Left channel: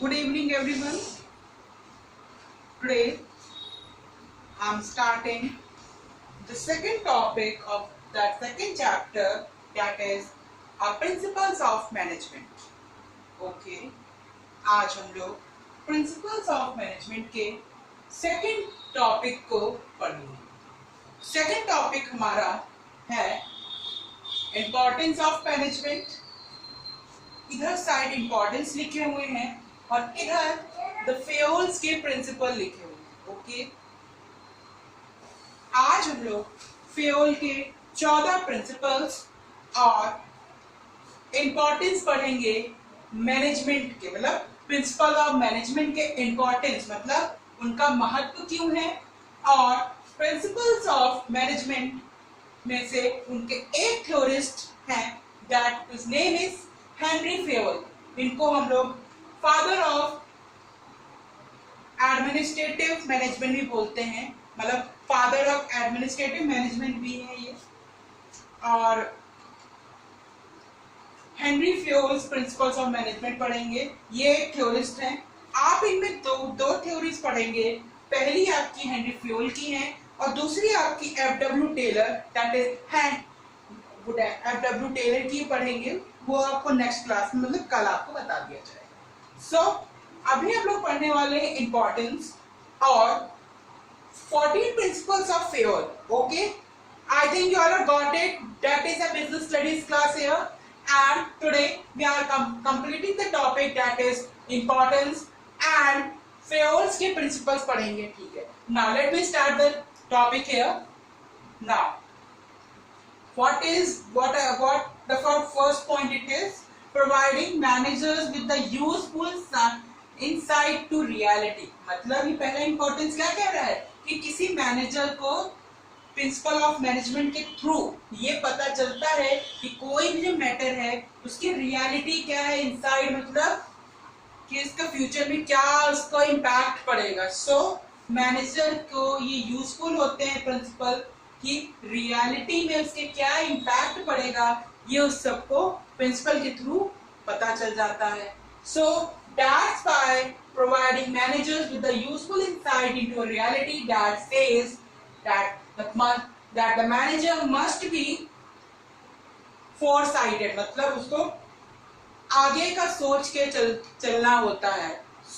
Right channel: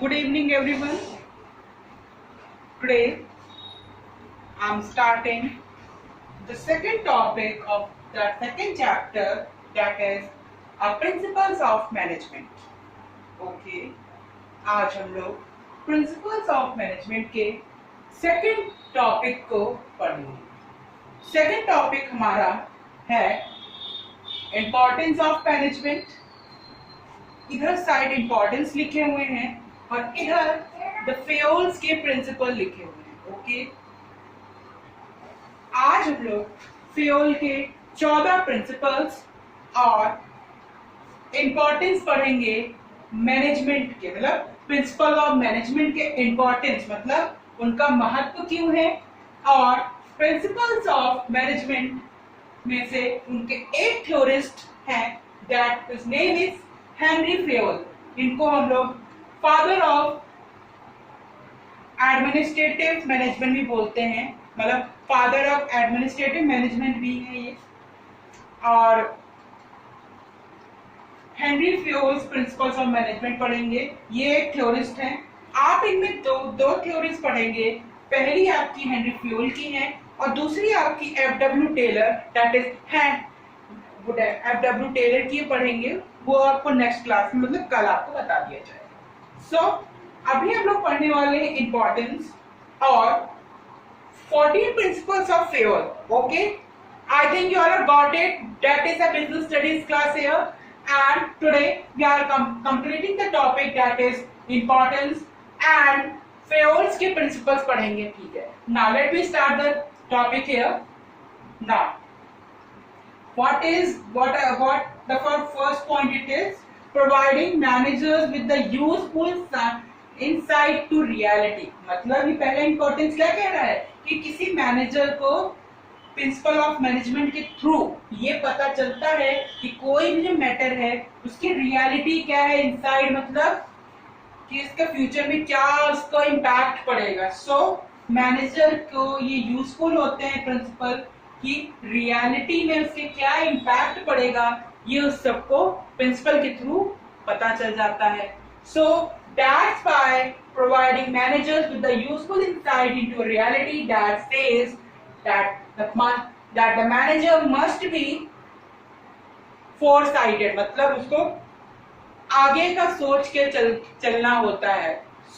Good evening, everyone. Today, I'm starting the second topic of the second chapter, that is Principles of Management. Okay, आज हम लोग Principles of Management के second topic को पढ़ेंगे. Second topic हमारा है Importance of Management. इधर side importance लिखे हुए हैं और इधर द फेयोल्स के प्रिंसिपल लिखे हुए हैं. ओके, आज हम लोग फेयोल के 14 प्रिंसिपल्स और इम्पोर्टेंस पढ़ेंगे मैनेजमेंट के, मतलब प्रिंसिपल ऑफ मैनेजमेंट के इम्पोर्टेंस, मतलब उनका महत्व क्यों है, और प्रिंसिपल्स ऑफ मैनेजमेंट में से उनके एक थ्योरिस्ट हैं, that his name is Henry Fayol. इनको हम लोग फादर ऑफ एडमिनिस्ट्रेटिव मैनेजमेंट भी बोलते हैं, मतलब फादर ऑफ एडमिनिस्ट्रेटिव मैनेजमेंट भी है ये. और हेनरी फेयोल्स प्रिंसिपल्स ऑफ मैनेजमेंट पढ़ेंगे. ये एक थ्योरिस्ट हैं. आप इनमें दो थ्योरीज पढ़ेंगे. पहली आपकी हेनरी फेयोल की है और दूसरी आपकी F W. Taylor, that is F W. Taylor की पढ़ेंगे. वो आपको नेक्स्ट क्लास में, मतलब कल आपको बता दिया जाएगा. सो अभी हम लोग पढ़ने वाले हैं इंपॉर्टेंस और 14 principles of Fayol. Okay, I think you all have got it. That is a business studies class here, and today we are completing the topic that is importance and फेयोल्स के प्रिंसिपल्स पढ़ेंगे. ठीक है, now let me start the topic here. Now what the first point it is providing managers with the useful insight to reality. मतलब ये पहला importance क्या कह रहा है कि किसी मैनेजर को प्रिंसिपल ऑफ मैनेजमेंट के थ्रू ये पता चलता है कि कोई भी जो मैटर है उसकी रियलिटी क्या है, इनसाइड मतलब कि इसका फ्यूचर में क्या उसका इम्पैक्ट पड़ेगा. सो मैनेजर को ये यूजफुल होते हैं प्रिंसिपल कि रियलिटी में उसके क्या इम्पैक्ट पड़ेगा, ये उस सबको प्रिंसिपल के थ्रू पता चल जाता है. सो that's why providing managers with the useful insight into reality that says that the manager must be foresighted, मतलब उसको आगे का सोच के चलना होता है.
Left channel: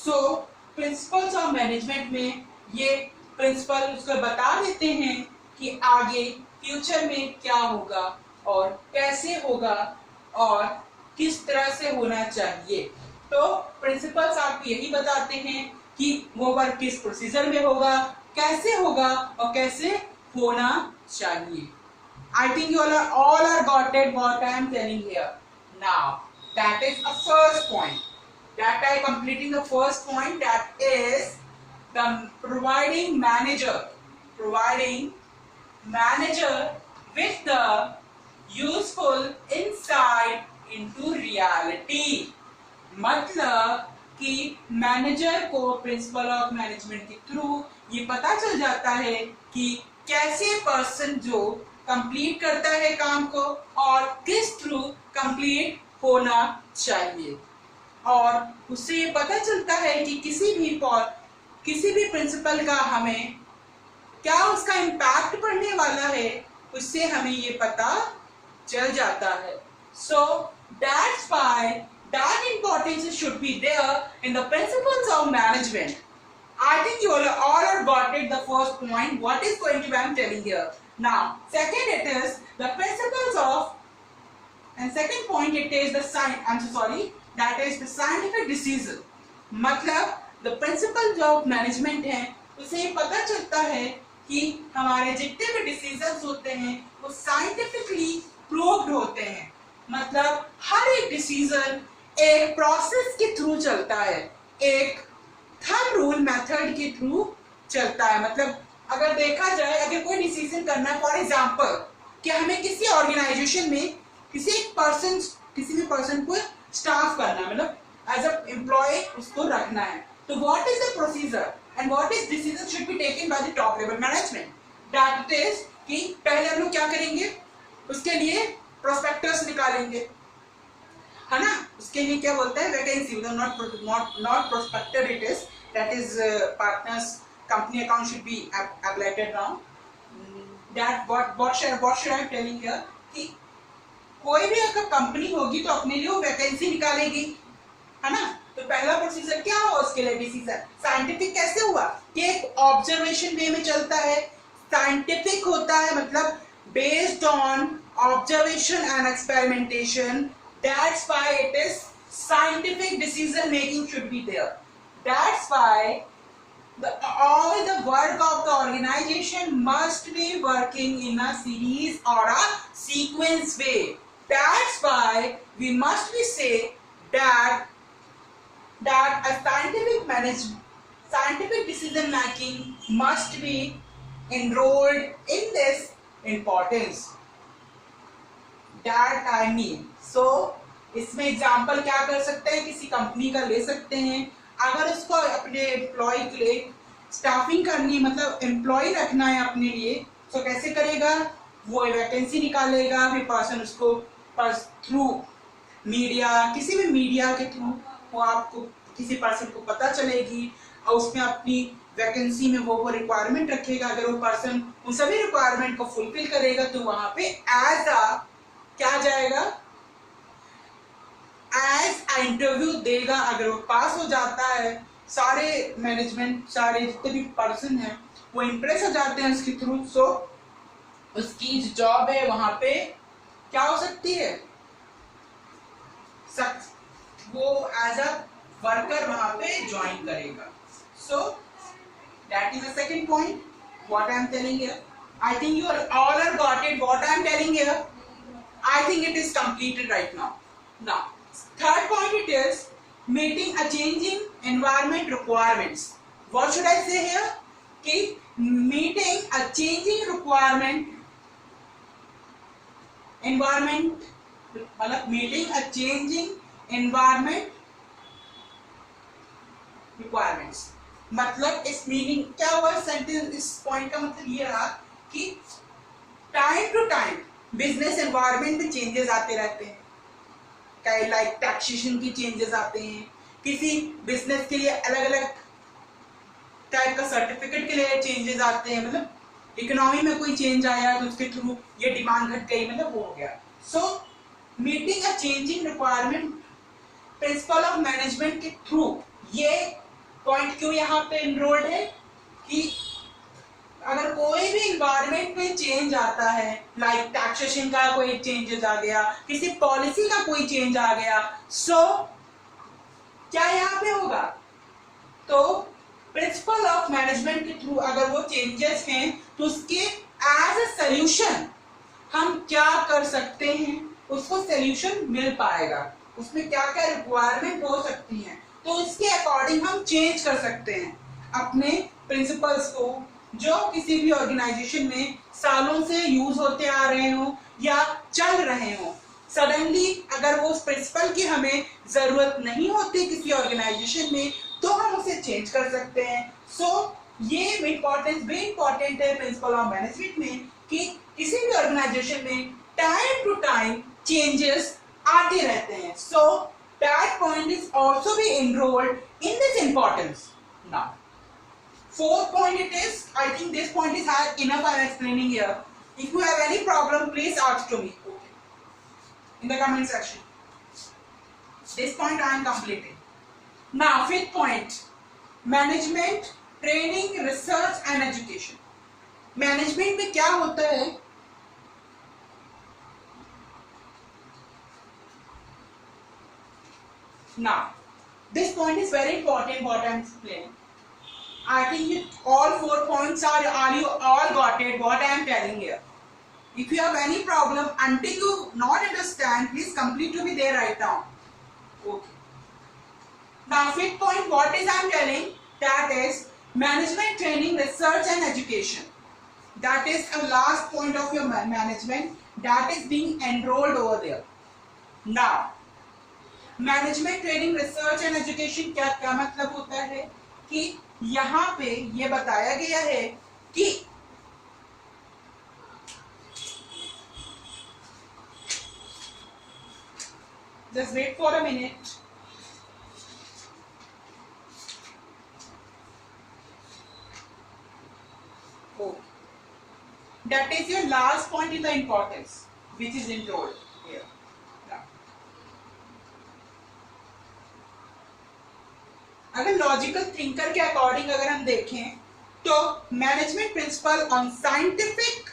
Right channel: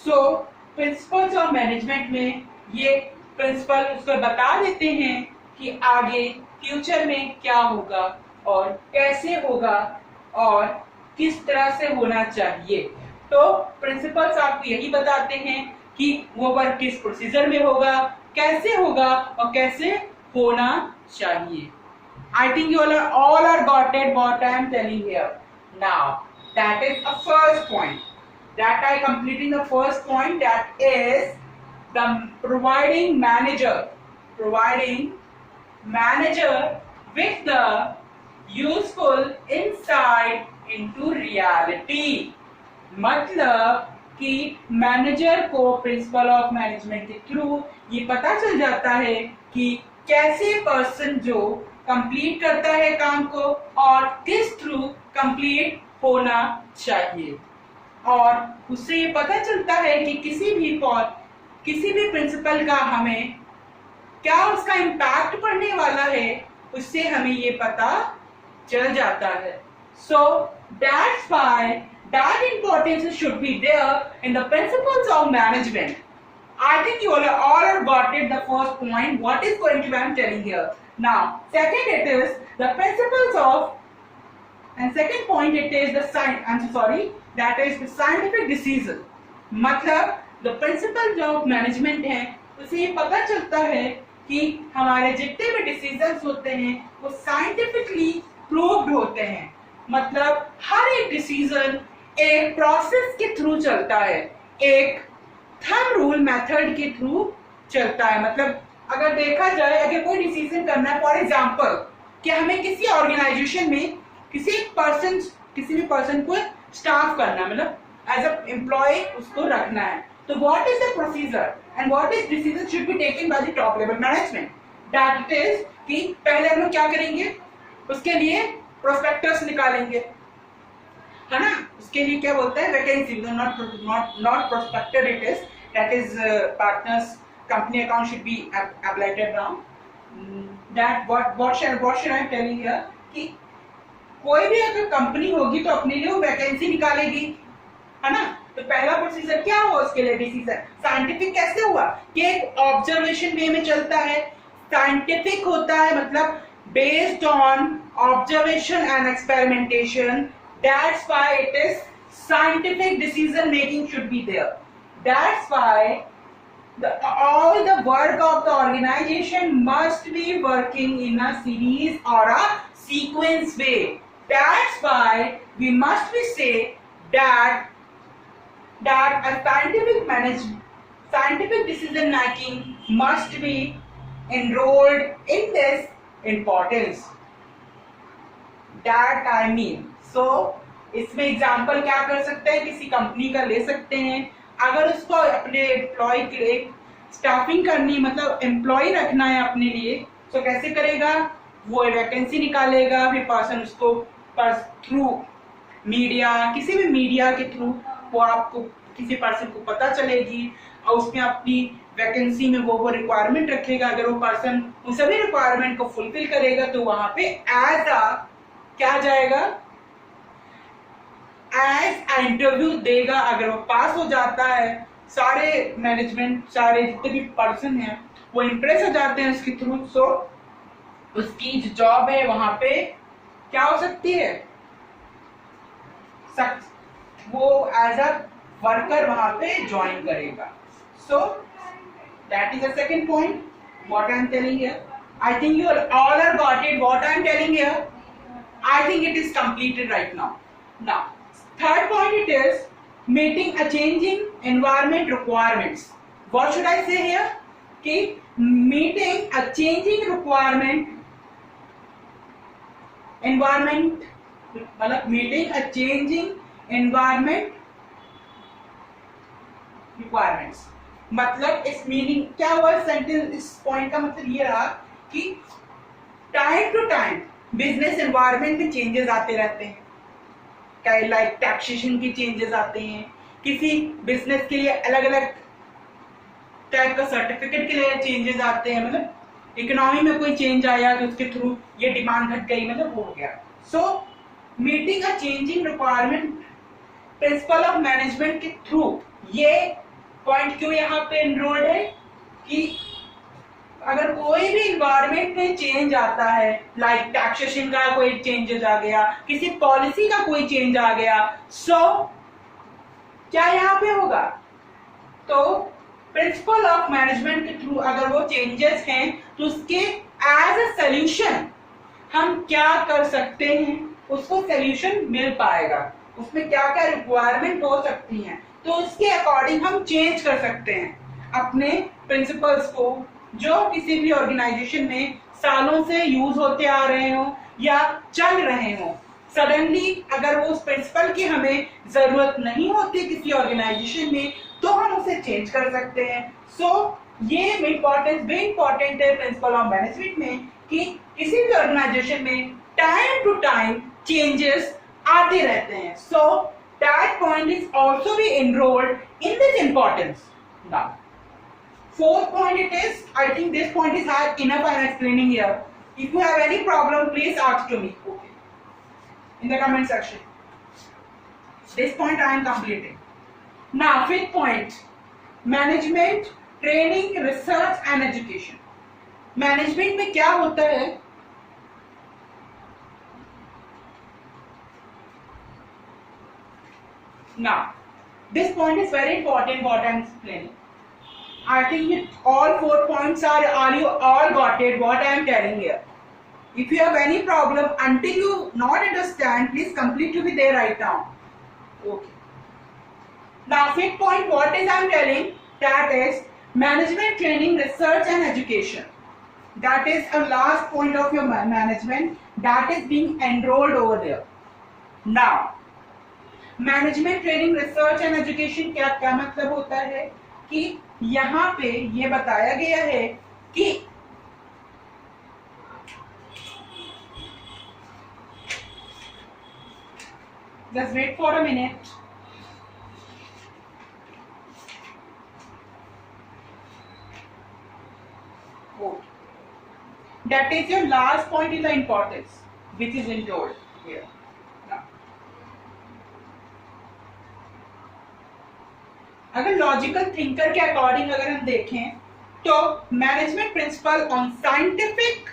सो प्रिंसिपल्स ऑफ मैनेजमेंट में ये प्रिंसिपल उसको बता देते हैं कि आगे फ्यूचर में क्या होगा और कैसे होगा और किस तरह से होना चाहिए. तो प्रिंसिपल्स आपको यही बताते हैं कि वो वर्क किस प्रोसीजर में होगा, कैसे होगा और कैसे होना चाहिए. I think you all are got it what I am telling here. Now that is a first point. That I completing the first point, that is the providing manager with the useful insight into reality. मतलब कि manager को principal of management के through ये पता चल जाता है कि कैसे पर्सन जो कंप्लीट करता है काम को और किस थ्रू कंप्लीट होना चाहिए. और उससे ये पता चलता है कि किसी भी प्रिंसिपल का हमें क्या उसका इम्पैक्ट पड़ने वाला है, उससे हमें ये पता चल जाता है. सो that's why that importance should be there in the principles of management. I think you all have got it, the first point. What is going to be I am telling here. Now, second it is the principles of, and second point it is that is the scientific decision. मतलब the principles of management है, उसे ये पता चलता है कि हमारे जितने भी डिसीजंस होते हैं वो साइंटिफिकली प्रूव्ड होते हैं. मतलब हर एक डिसीजन एक प्रोसेस के थ्रू चलता है, एक थंब रूल मेथड के थ्रू चलता है. मतलब अगर देखा जाए, अगर कोई डिसीजन करना है, फॉर एग्जांपल कि हमें किसी ऑर्गेनाइजेशन में किसी भी पर्सन को स्टाफ करना है, मतलब एज अ एम्प्लॉय उसको रखना है, तो what is the procedure and what is decision should be taken by the top level management. That is कि पहले हम लोग क्या करेंगे, उसके लिए प्रोस्पेक्टस निकालेंगे. है ना, उसके लिए क्या बोलता है, vacancy, not prospector it is, that is partners company account should be updated now, that what should I telling here कि कोई भी अगर कंपनी होगी तो अपने लिए वो वैकेंसी निकालेगी, है ना। तो पहला प्रोसीजर क्या हुआ उसके लिए, डिसीजन साइंटिफिक कैसे हुआ कि एक ऑब्जर्वेशन वे में चलता है, साइंटिफिक होता है मतलब based on observation and experimentation, that's why it is scientific decision making should be there, that's why all the work of the organization must be working in a series or a sequence way, that's why we must be say that a scientific decision making must be enrolled in this importance, that I mean, so इसमें example क्या कर सकते हैं, किसी company का ले सकते हैं, अगर उसको अपने एम्प्लॉय के लिए स्टाफिंग करनी, मतलब एम्प्लॉय रखना है अपने लिए, तो कैसे करेगा, वो वैकेंसी निकालेगा, फिर पर्सन उसको थ्रू मीडिया, किसी भी मीडिया के थ्रू वो आपको किसी पर्सन को पता चलेगी और उसमें अपनी वैकेंसी में वो रिक्वायरमेंट रखेगा, अगर वो पर्सन उन सभी रिक्वायरमेंट को फुलफिल करेगा तो वहां पे एज अ क्या जाएगा, एज अ इंटरव्यू देगा, अगर वो पास हो जाता है, सारे मैनेजमेंट, सारे जितने भी पर्सन हैं वो इम्प्रेस हो जाते हैं उसके थ्रू, सो उसकी जो जॉब है वहां पे क्या हो सकती है, वो एज अ वर्कर वहां पे ज्वाइन करेगा। सो that is the second point what I am telling here. I think you all are got it what I am telling here. I think it is completed right now. Now third point it is meeting a changing environment requirements. What should I say here, कि meeting a changing environment मतलब meeting a changing environment requirements, मतलब इस meaning क्या हुआ sentence, इस point का मतलब ये रहा कि time to time business environment में चेंजेस आते रहते हैं, क्या लाइक टैक्सेशन की चेंजेस आते हैं, किसी बिजनेस के लिए अलग अलग टाइप का सर्टिफिकेट के लिए चेंजेस आते हैं, मतलब इकोनॉमी में कोई चेंज आया तो उसके थ्रू ये डिमांड घट गई, मतलब वो हो गया। So meeting a changing requirement principle of management के थ्रू, ये पॉइंट क्यों यहाँ पे एनरोल्ड है कि अगर कोई भी इन्वायरमेंट में चेंज आता है, लाइक टैक्सेशन का कोई चेंजेस आ गया, किसी पॉलिसी का कोई चेंज आ गया, सो क्या यहाँ पे होगा, तो प्रिंसिपल ऑफ मैनेजमेंट के थ्रू अगर वो चेंजेस हैं तो उसके एज अ सॉल्यूशन हम क्या कर सकते हैं, उसको सॉल्यूशन मिल पाएगा, उसमें क्या क्या रिक्वायरमेंट हो सकती हैं, तो उसके अकॉर्डिंग हम चेंज कर सकते हैं अपने प्रिंसिपल्स को, जो किसी भी ऑर्गेनाइजेशन में सालों से यूज होते आ रहे हो या चल रहे हो। सडनली अगर वो उस प्रिंसिपल की हमें जरूरत नहीं होती किसी ऑर्गेनाइजेशन में तो हम उसे चेंज कर सकते हैं। सो ये इंपॉर्टेंस भी इंपॉर्टेंट है प्रिंसिपल ऑफ मैनेजमेंट में कि किसी भी ऑर्गेनाइजेशन में टाइम टू टाइम चेंजेस आते रहते हैं। सो that point is also be enrolled in this importance. Now fourth point it is, I think this point is hard enough I am explaining here. If you have any problem please ask to me, okay, in the comment section. This point I am completing. Now fifth point, management training research and education. Management में क्या होता है, now this point is very important what I am explaining. I think all 4 points are you all got it what I am telling here. If you have any problem until you not understand please complete to be there right now, okay. Now fifth point what is I am telling, that is management training research and education. That is a last point of your management that is being enrolled over there. Now management training research and education क्या क्या मतलब होता है कि यहाँ पे ये बताया गया है कि Just wait for a minute. Okay. That is your last point in the importance, which is enrolled here. Now, अगर लॉजिकल थिंकर के अकॉर्डिंग अगर हम देखें तो management principle on scientific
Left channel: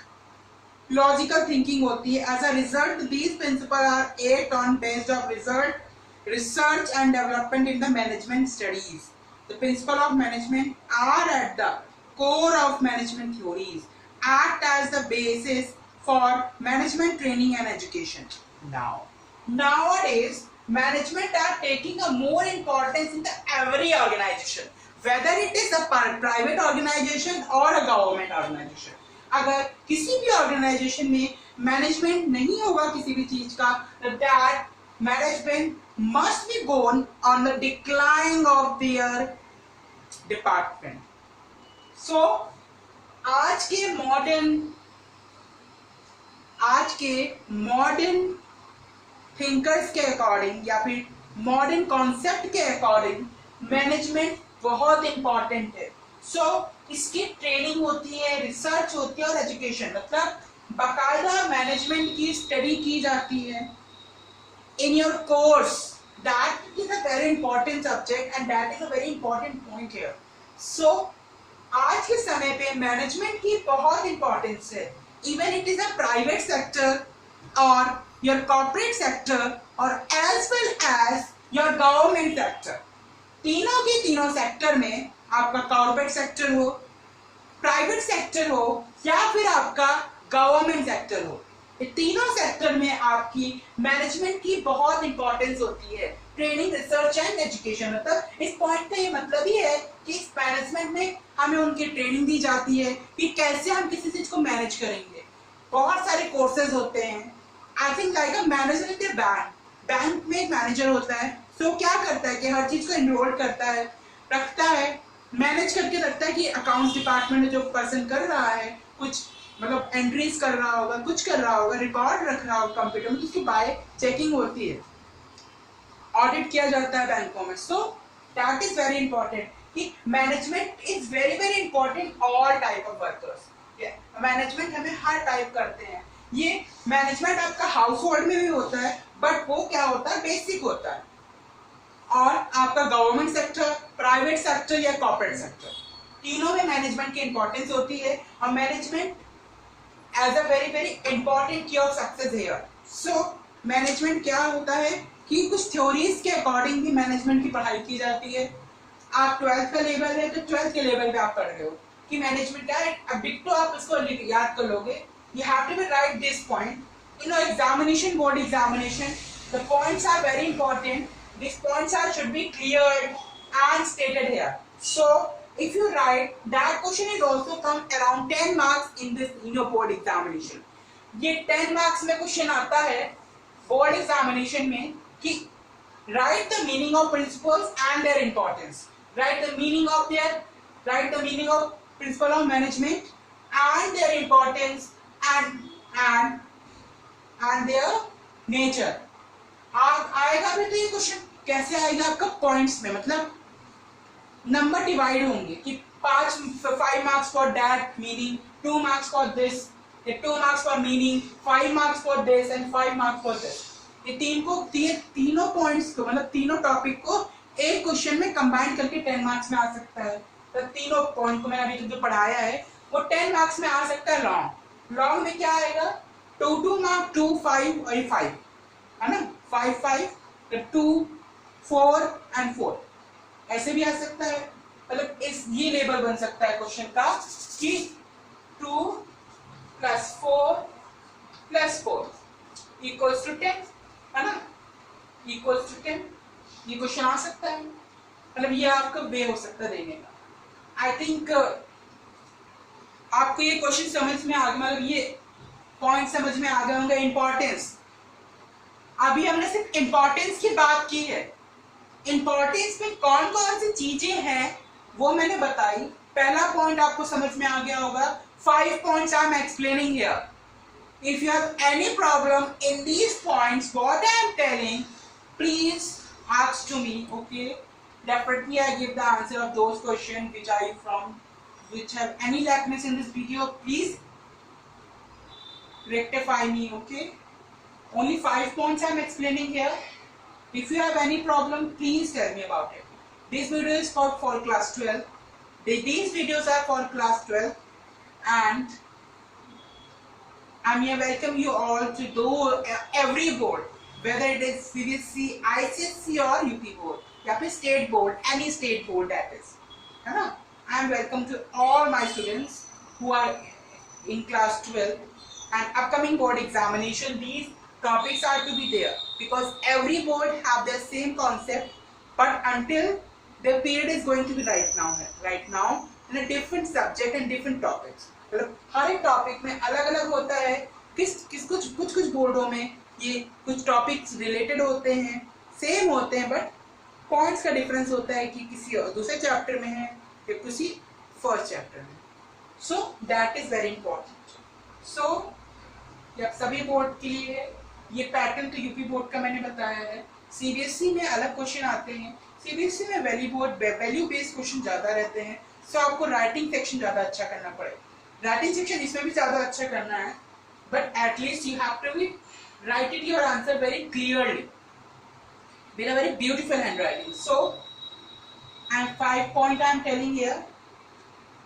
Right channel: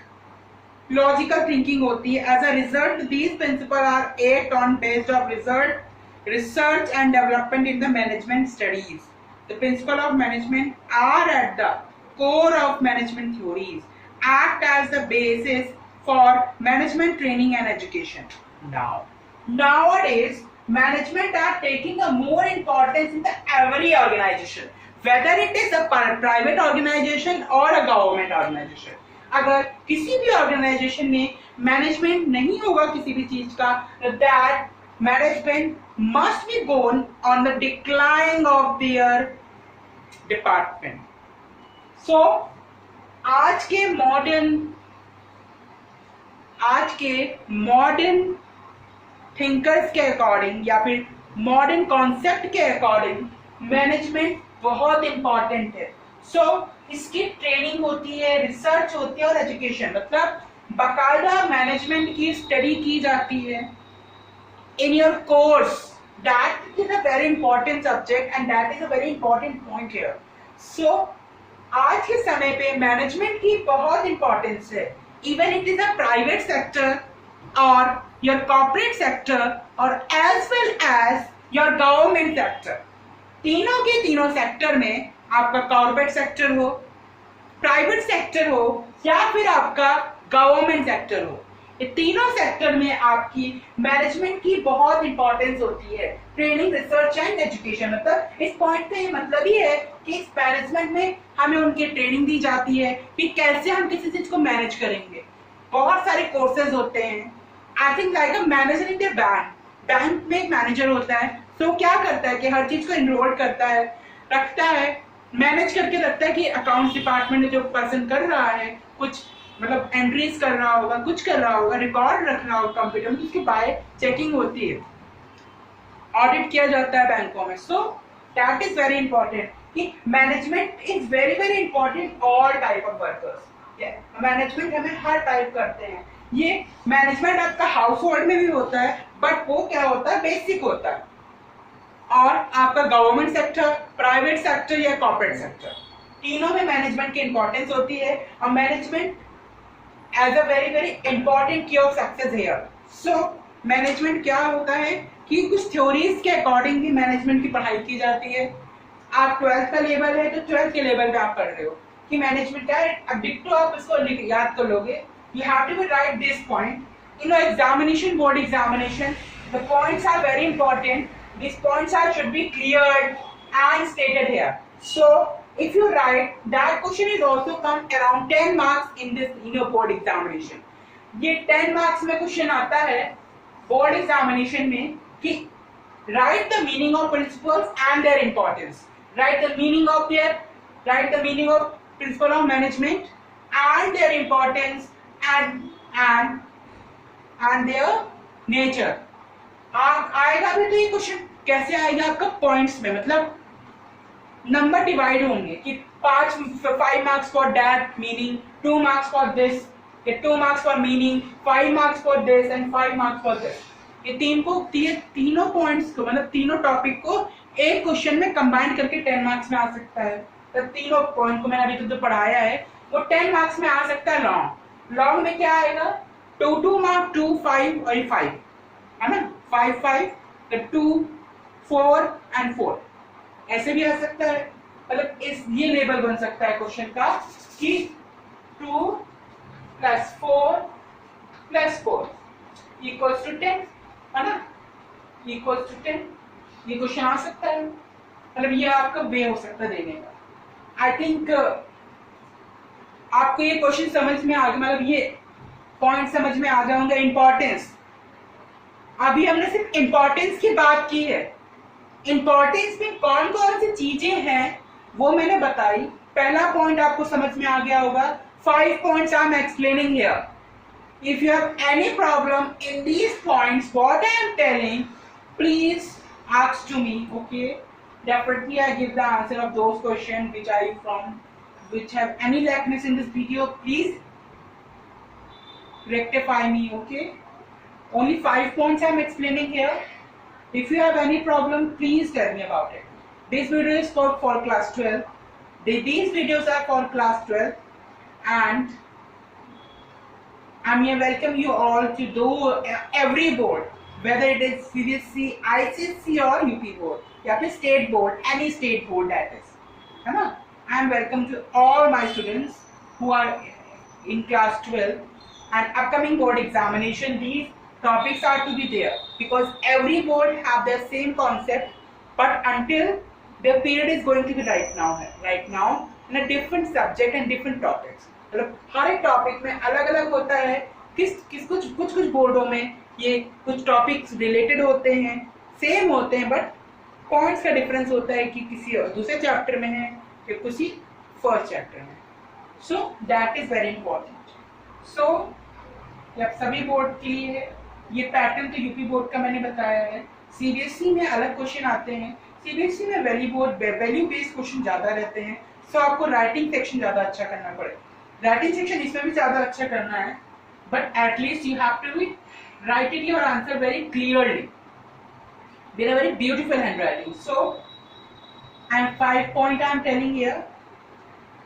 logical thinking होती है. As a result these principle are 8 on based of result research and development in the management studies. The principles of management are at the core of management theories, act as the basis for management training and education. Nowadays, management are taking a more importance in the every organization, whether it is a private organization or a government organization. अगर किसी भी organization में management नहीं होगा किसी भी चीज का, that management must be gone on the decline of their department. So आज के मॉडर्न थिंकर्स के अकॉर्डिंग या फिर मॉडर्न कॉन्सेप्ट के अकॉर्डिंग मैनेजमेंट बहुत इंपॉर्टेंट है. सो इसकी ट्रेनिंग होती है, रिसर्च होती है और एजुकेशन, मतलब बाकायदा मैनेजमेंट की स्टडी की जाती है in your course. That is a very important subject and that is a very important point here. So आज के समय पे मैनेजमेंट की बहुत इंपॉर्टेंस है, even it is a private sector और योर कॉर्पोरेट सेक्टर और as well as your government sector. तीनों के तीनों सेक्टर में, आपका कॉर्पोरेट सेक्टर हो, प्राइवेट सेक्टर हो या फिर आपका गवर्नमेंट सेक्टर हो, ये तीनों सेक्टर में आपकी मैनेजमेंट की बहुत इंपॉर्टेंस होती है. ट्रेनिंग, रिसर्च एंड एजुकेशन, मतलब इस पॉइंट का ये मतलब ही है कि इस मैनेजमेंट में हमें उनकी ट्रेनिंग दी जाती है कि कैसे हम किसी चीज को मैनेज करेंगे. बहुत सारे कोर्सेज होते हैं. I think like a manager in the bank में एक मैनेजर होता है. तो क्या करता है कि हर चीज को इनरोल करता है, रखता है, मैनेज करके रखता है कि अकाउंट्स डिपार्टमेंट में जो पर्सन कर रहा है कुछ, मतलब एंट्रीज कर रहा होगा, कुछ कर रहा होगा, रिकॉर्ड रख रहा होगा कंप्यूटर में, उसकी बाय चेकिंग होती है, ऑडिट किया जाता है बैंकों में. So that is very important कि management is very very important all type of workers. Management हमें हर टाइप करते हैं. ये मैनेजमेंट आपका हाउस होल्ड में भी होता है, बट वो क्या होता है, बेसिक होता है. और आपका गवर्नमेंट सेक्टर, प्राइवेट सेक्टर या कॉर्पोरेट सेक्टर, तीनों में मैनेजमेंट की इंपॉर्टेंस होती है. और management as a very very important key of success here. So management क्या होता है कि कुछ थ्योरीज के अकॉर्डिंग भी मैनेजमेंट की पढ़ाई की जाती है. आप 12th का लेवल है तो 12th के लेवल पे आप पढ़ रहे हो कि मैनेजमेंट क्या है. अब डिक्टो आप इसको याद कर लोगे. You have to be right this point in examination, board examination. The points are very important. These points should be cleared and stated here. So if you write, that question is also come around 10 marks in your board examination. ये 10 marks में question आता है board examination में कि write the meaning of principles and their importance. Write the meaning of principle of management and their importance and their nature. आएगा भी तो ये क्वेश्चन कैसे आएगा आपका पॉइंट्स में, मतलब नंबर डिवाइड होंगे कि 5 marks for that meaning, 2 marks for this, 2 marks for meaning, 5 marks for this and 5 marks for this. ये तीनों पॉइंट्स को, मतलब तीनों टॉपिक को एक क्वेश्चन में कंबाइन करके 10 मार्क्स में आ सकता है. तो तीनों पॉइंट को मैंने अभी तक जो पढ़ाया है वो 10 मार्क्स में आ सकता है. लॉन्ग में क्या आएगा, 2 मार्क, 2, 5 और 5 है ना, 5, 5, 2, 4 एंड 4 ऐसे भी आ सकता है. मतलब इस ये लेवल बन सकता है क्वेश्चन का कि 2 + 4 + 4 = 10 है ना, = 10. ये क्वेश्चन आ सकता है. मतलब ये आपका वे हो सकता है देने का. आई थिंक आपको ये क्वेश्चन समझ में आ गया, मतलब ये पॉइंट समझ में आ गए होंगे. इंपॉर्टेंस, अभी हमने सिर्फ इंपॉर्टेंस की बात की है. इंपॉर्टेंस में कौन कौन सी चीजें हैं वो मैंने बताई. पहला पॉइंट आपको समझ में आ गया होगा. 5 points I am explaining here. If you have any problem in these points what I am telling, please ask to me. Okay, definitely I give the answer of those questions which are from which have any lackness in this video. Please rectify me. Okay, only 5 points I'm explaining here. If you have any problem, please tell me about it. This video is for class 12. These videos are for class 12, and I'm here welcome you all to do every board, whether it is CBSE, ICSE or UP board, या फिर state board, any state board that is, है ना? I am welcome to all my students who are in class 12 and upcoming board examination. These topics are to be there because every board have their same concept, but until their period is going to be right now in a different subject and different topics. मतलब हर एक topic में अलग अलग होता है. कुछ बोर्डों में ये कुछ टॉपिक्स रिलेटेड होते हैं, सेम होते हैं, बट पॉइंट्स का डिफरेंस होता है कि किसी दूसरे चैप्टर में है या किसी फर्स्ट चैप्टर में. So that is very important. So जब सभी बोर्ड के लिए है ये पैटर्न, तो यूपी बोर्ड का मैंने बताया है. सीबीएसई में अलग क्वेश्चन आते हैं. सीबीएसई में वैल्यू बेस्ड क्वेश्चन ज्यादा रहते हैं. सो आपको राइटिंग सेक्शन ज्यादा अच्छा करना पड़ेगा. राइटिंग सेक्शन इसमें भी ज्यादा अच्छा करना है, but at least you have to write it your answer very clearly with a very beautiful handwriting. So and 5 point I am telling here,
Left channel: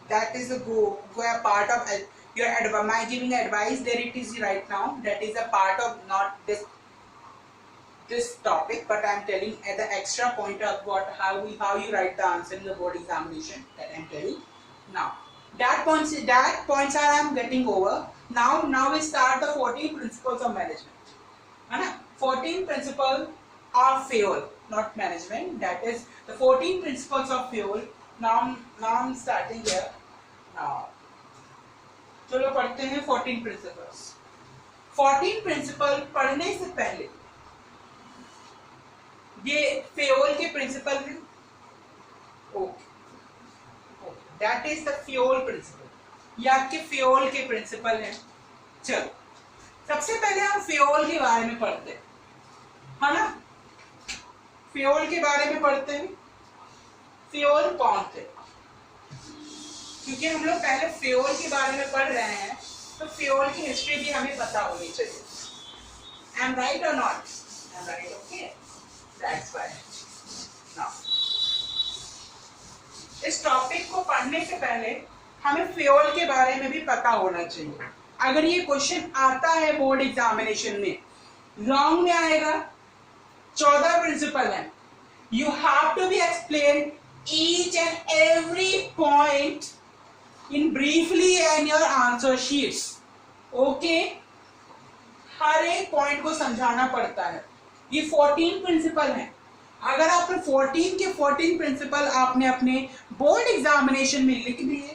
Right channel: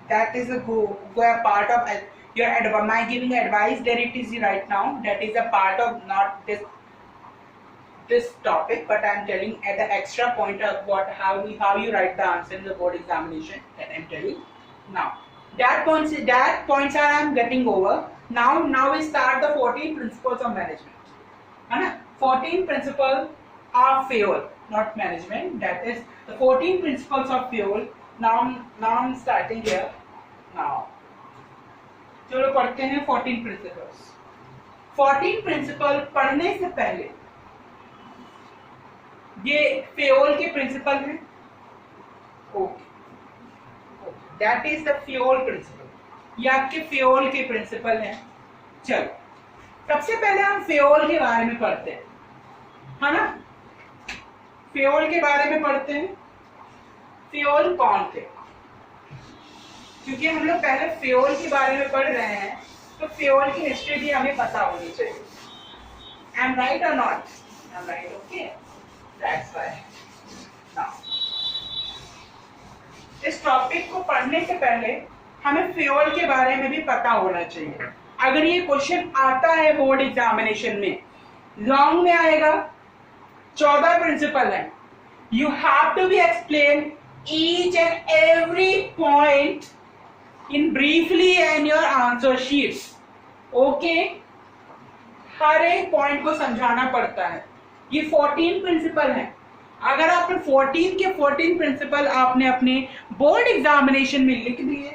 that is a go a part of your my giving advice there it is right now, that is a part of not this topic, but I am telling at the extra point of how you write the answer in the board examination, that I am telling now. That points are I am getting over. Now we start the 14 principles of management. है ना? 14 principles of fuel, not management. That is the 14 principles of fuel. Now I'm starting here. Now चलो पढ़ते हैं 14 principles. 14 principle पढ़ने से पहले ये fuel के principle हैं. Okay, That is the fuel principle. ये आपके फ्यूल के प्रिंसिपल हैं. चलो सबसे पहले हम फ्यूल के बारे में पढ़ते हैं, है ना? फ्यूल के बारे में पढ़ते हैं. फ्यूल कौन थे? क्योंकि हम लोग पहले फ्यूल के बारे में पढ़ रहे हैं, तो फ्यूल की हिस्ट्री भी हमें पता होनी चाहिए. आई एम राइट और not? I am right. Okay, that's why. Now इस टॉपिक को पढ़ने से पहले हमें फ्यूल के बारे में भी पता होना चाहिए. अगर ये क्वेश्चन आता है बोर्ड एग्जामिनेशन में, लॉन्ग में आएगा, 14 प्रिंसिपल है. You have to be explain each and every point in briefly and your answer sheets. Okay, हर एक पॉइंट को समझाना पड़ता है. ये 14 प्रिंसिपल हैं. अगर आपने 14 के 14 प्रिंसिपल आपने अपने बोर्ड एग्जामिनेशन में लिख दिए,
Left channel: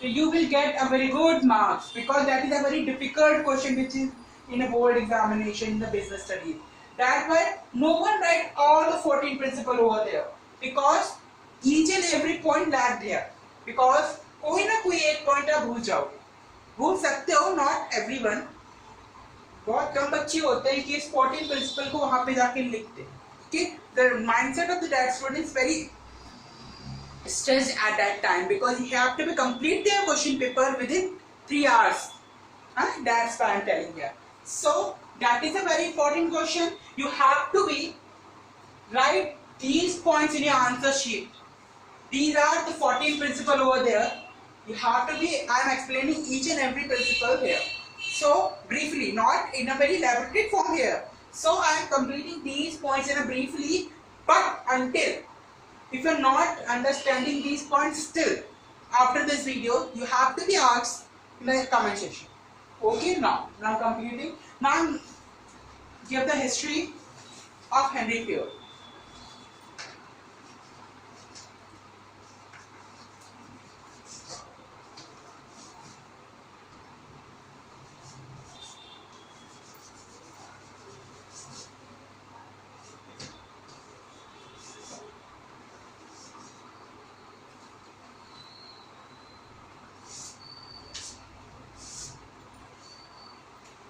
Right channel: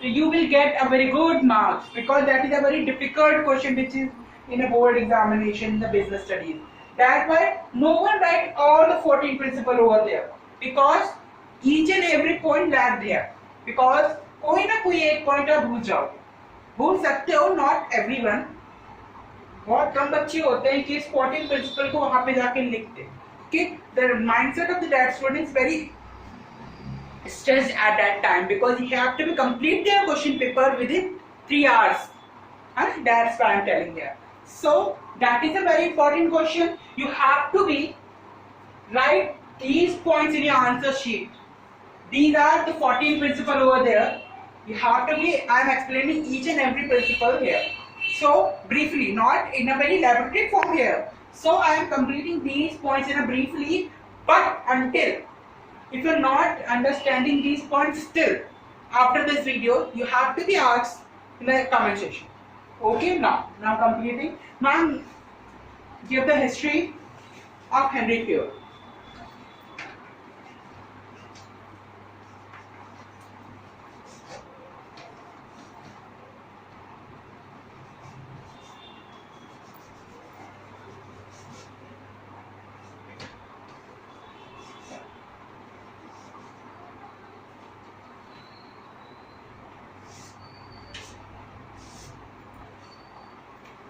तो you will get a very good marks, because that is a very difficult question which is in a board examination in the business studies. That why no one right all the 14 principle over there, because each and every point lack there. बिकॉज कोई ना कोई एक point आप भूल सकते हो, not everyone. बहुत कम बच्चे होते हैं कि इस 14 प्रिंसिपल को वहां पे जाके लिखते. The mindset of that student is very stressed at that time because he have to be complete their question paper within 3 hours. That's why I'm telling you. So that is a very important question. You have to be write these points in your answer sheet. These are the 14 principles over there. You have to be. I'm explaining each and every principle here. So briefly, not in a very elaborate form here. So I am completing these points in a briefly, but until if you're not understanding these points still after this video, you have to be asked in the comment section. Okay, now completing. Now give the history of Henry Fuel.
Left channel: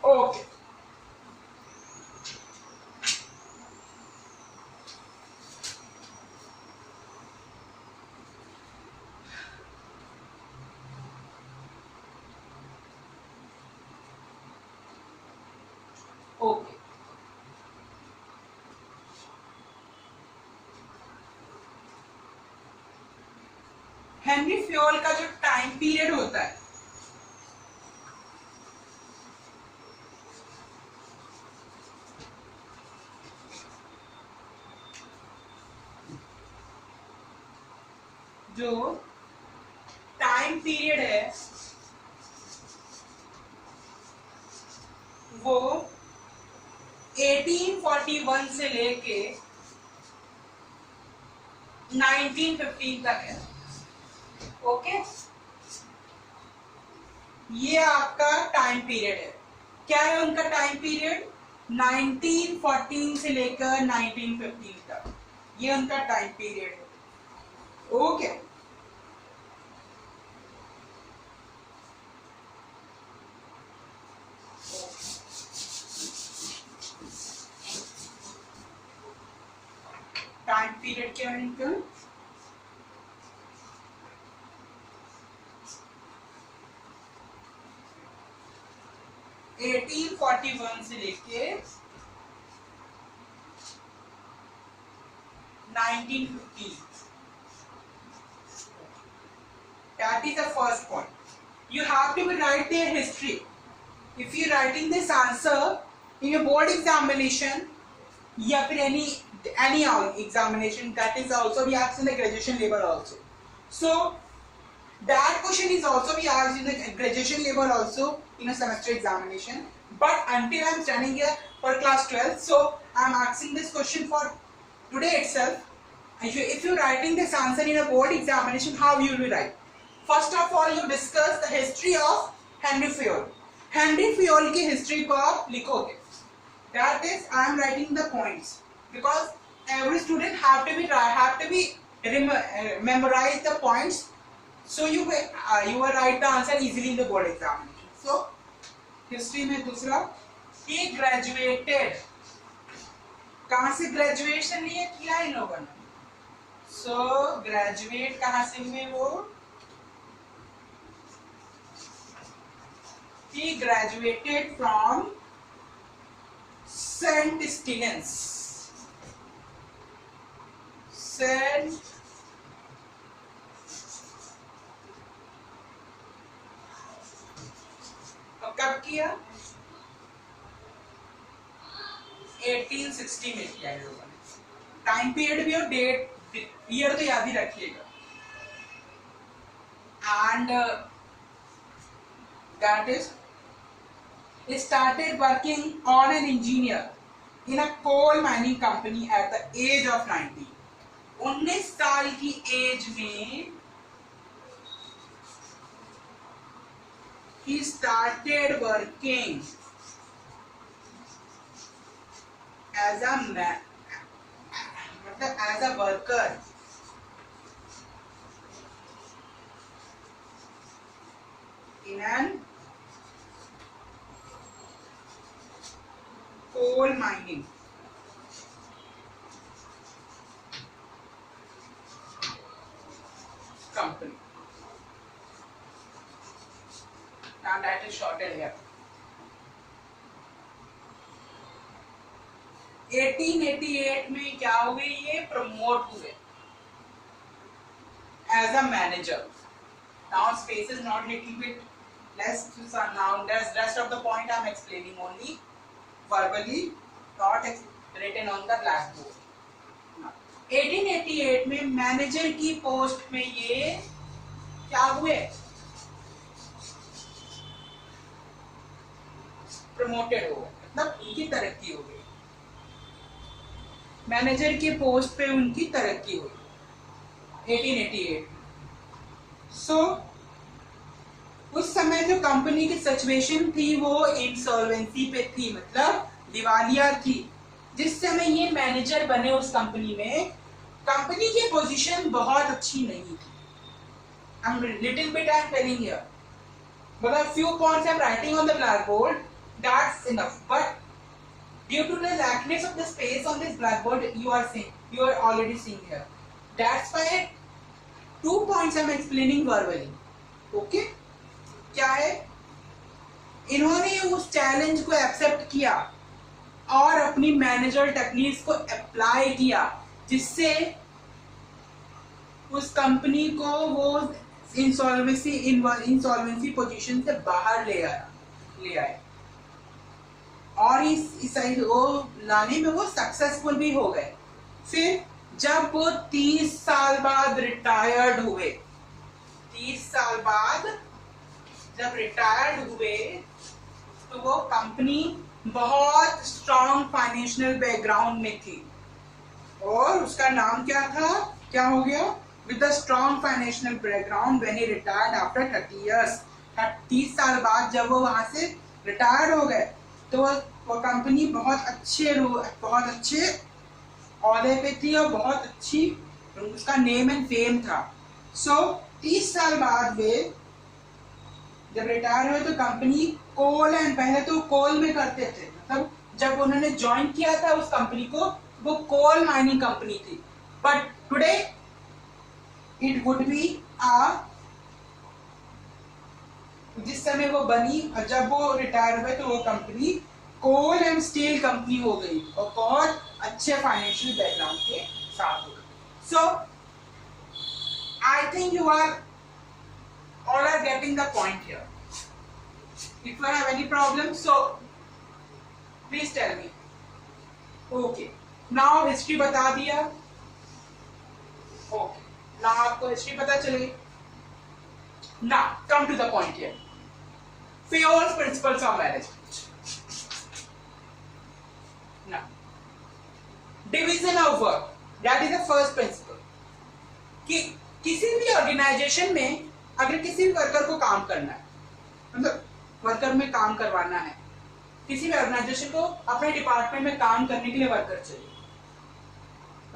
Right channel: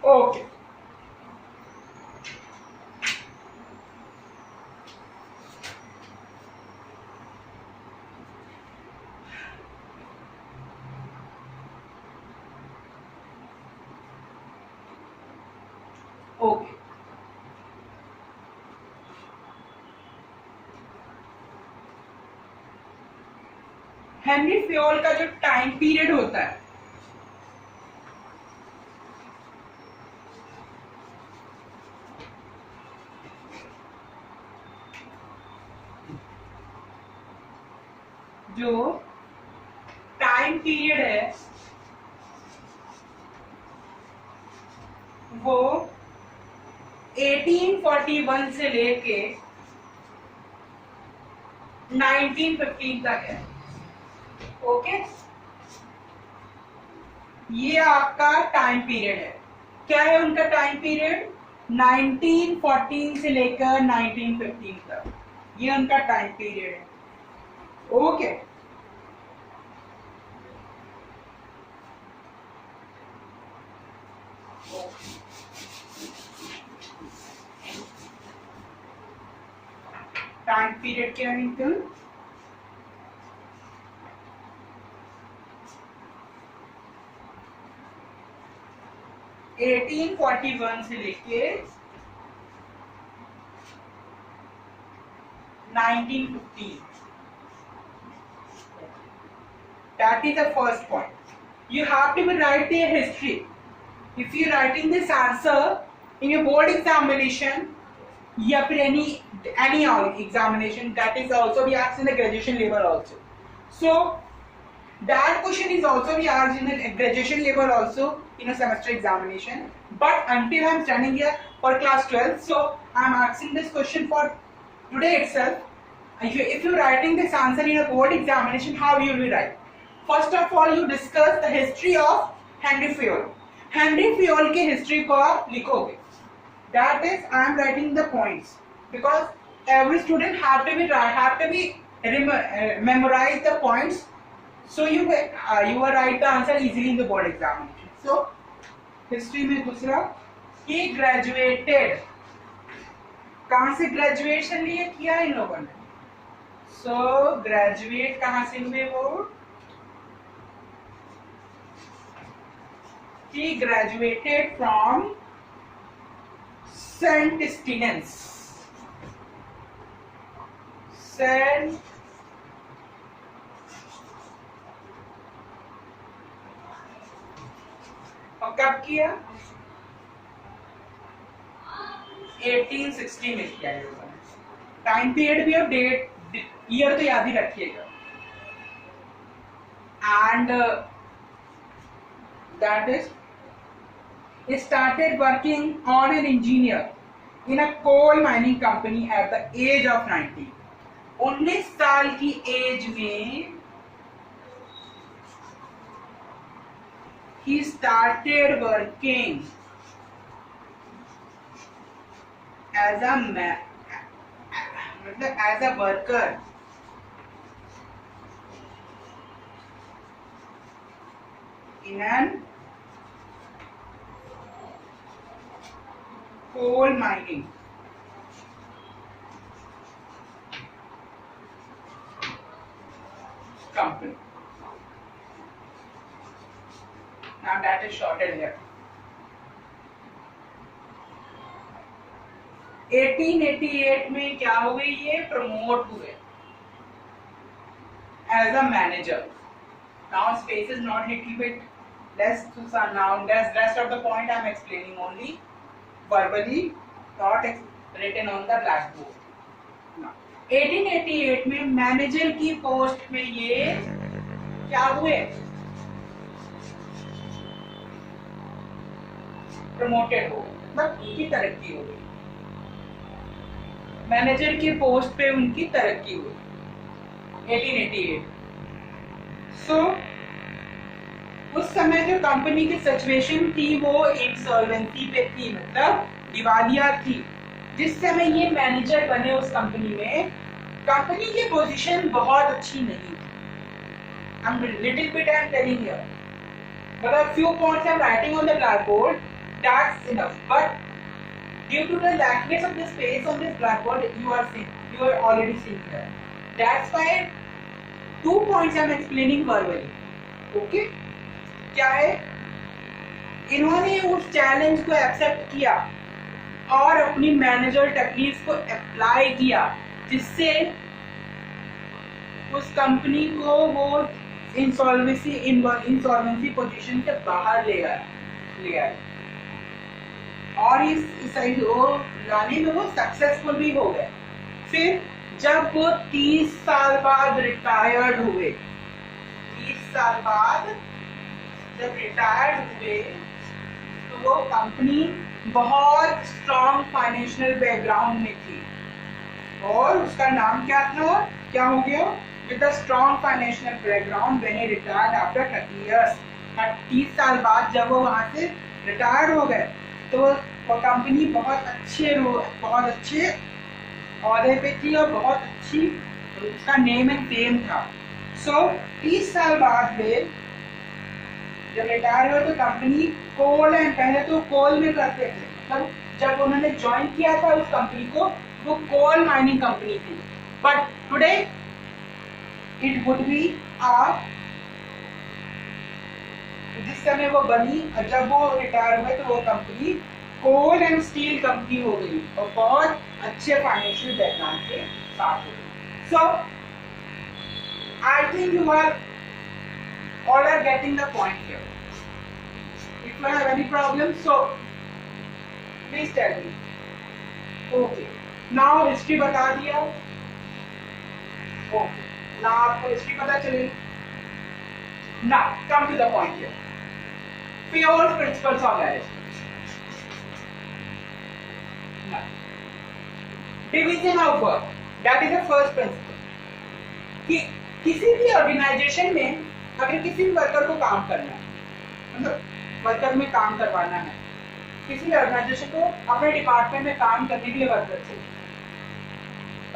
Okay. Henry Fayol का जो time period होता है जो time period है वो 1841 से लेके 1915 तक है। ओके, ये आपका टाइम पीरियड है। क्या है उनका टाइम पीरियड? 1914 से लेकर 1915 तक, ये उनका टाइम पीरियड है। ओके, टाइम पीरियड क्या है इनका? एटीन 41 से लेके 1915। That is the first point. You have to write their history. If you writing this answer in your board examination, या फिर any examination, that is also be asked in the graduation level also. So that question is also be asked in the graduation level also in a semester examination. But until I am standing here for class 12, so I am asking this question for today itself. If you writing this answer in a board examination, how you will write? First of all, you discuss the history of Henry Fayol. Henry Fayol के history को आप लिखोगे. That is, I am writing the points because every student have to be memorize the points. So you will write the answer easily in the board examination. So history में दूसरा, he graduated. कहाँ से graduation लिए किया इन लोगों ने? So graduate कहाँ से हुए वो? He graduated from St. Stephen's. और कब किया? 1860 में किया है लोगों ने। टाइम पीरियड भी और डेट ईयर तो याद ही रखिएगा। And that is started working on an engineer in a coal mining company at the age of 90. 19 साल की एज में he started working as a as a worker in an coal mining company. Now that is shorted here. 1888 में क्या हुए? ये promote हुए as a manager. Now space is not little bit less. So now that's rest of the point I am explaining only verbally, not written on the blackboard. 1888 में manager की post में ये क्या हुए? प्रमोटेड हो, मतलब उनकी तरक्की हो गई। मैनेजर की पोस्ट पे उनकी तरक्की हुई 1888। सो उस समय जो कंपनी की सिचुएशन थी वो इंसॉल्वेंसी पे थी, मतलब दिवालिया थी। जिस समय ये मैनेजर बने उस कंपनी में, कंपनी की पोजीशन बहुत अच्छी नहीं थी। I'm little bit I'm telling here, but a few points I'm writing on the blackboard. That's enough. But due to the lackness of the space on this blackboard, you are already seeing here. That's why 2 points I'm explaining verbally. Okay? क्या है? इन्होंने उस challenge को accept किया और अपनी manager techniques को apply किया, जिससे उस कंपनी को वो इंसॉल्वेंसी पोजीशन से बाहर ले आए और इस वो लाने में वो सक्सेसफुल भी हो गए। फिर जब वो 30 साल बाद रिटायर्ड हुए, 30 साल बाद जब रिटायर्ड हुए तो वो कंपनी बहुत स्ट्रॉन्ग फाइनेंशियल बैकग्राउंड में थी और उसका नाम क्या था, क्या हो गया, with a strong financial background when he retired after 30 years. 30 साल बाद जब वो वहां से रिटायर्ड हो गए तो वो कंपनी बहुत अच्छे औहदे पे थी और बहुत अच्छी उसका नेम एंड फेम था। सो 30 साल बाद वे जब रिटायर हुए तो कंपनी कोल एंड, पहले तो कोल में करते थे, मतलब जब उन्होंने ज्वाइन किया था उस कंपनी को वो कोल माइनिंग कंपनी थी, but today it would be जिस समय वो बनी और जब वो रिटायर हुए तो वो company coal and steel company हो गई और बहुत अच्छे फाइनेंशियल बैकग्राउंड के साथ हो गई। So I think you are all are getting the point here. If you have any problem, so please tell me. Okay, now history बता दिया। Okay, now आपको history पता चली। Now come to the point here. Fayol's principles of management. Now, division of work, that is the first principle. कि किसी भी organisation में अगर किसी भी वर्कर को काम करना है, मतलब वर्कर में काम करवाना है, किसी भी ऑर्गेनाइजेशन को अपने डिपार्टमेंट में काम करने के लिए वर्कर चाहिए,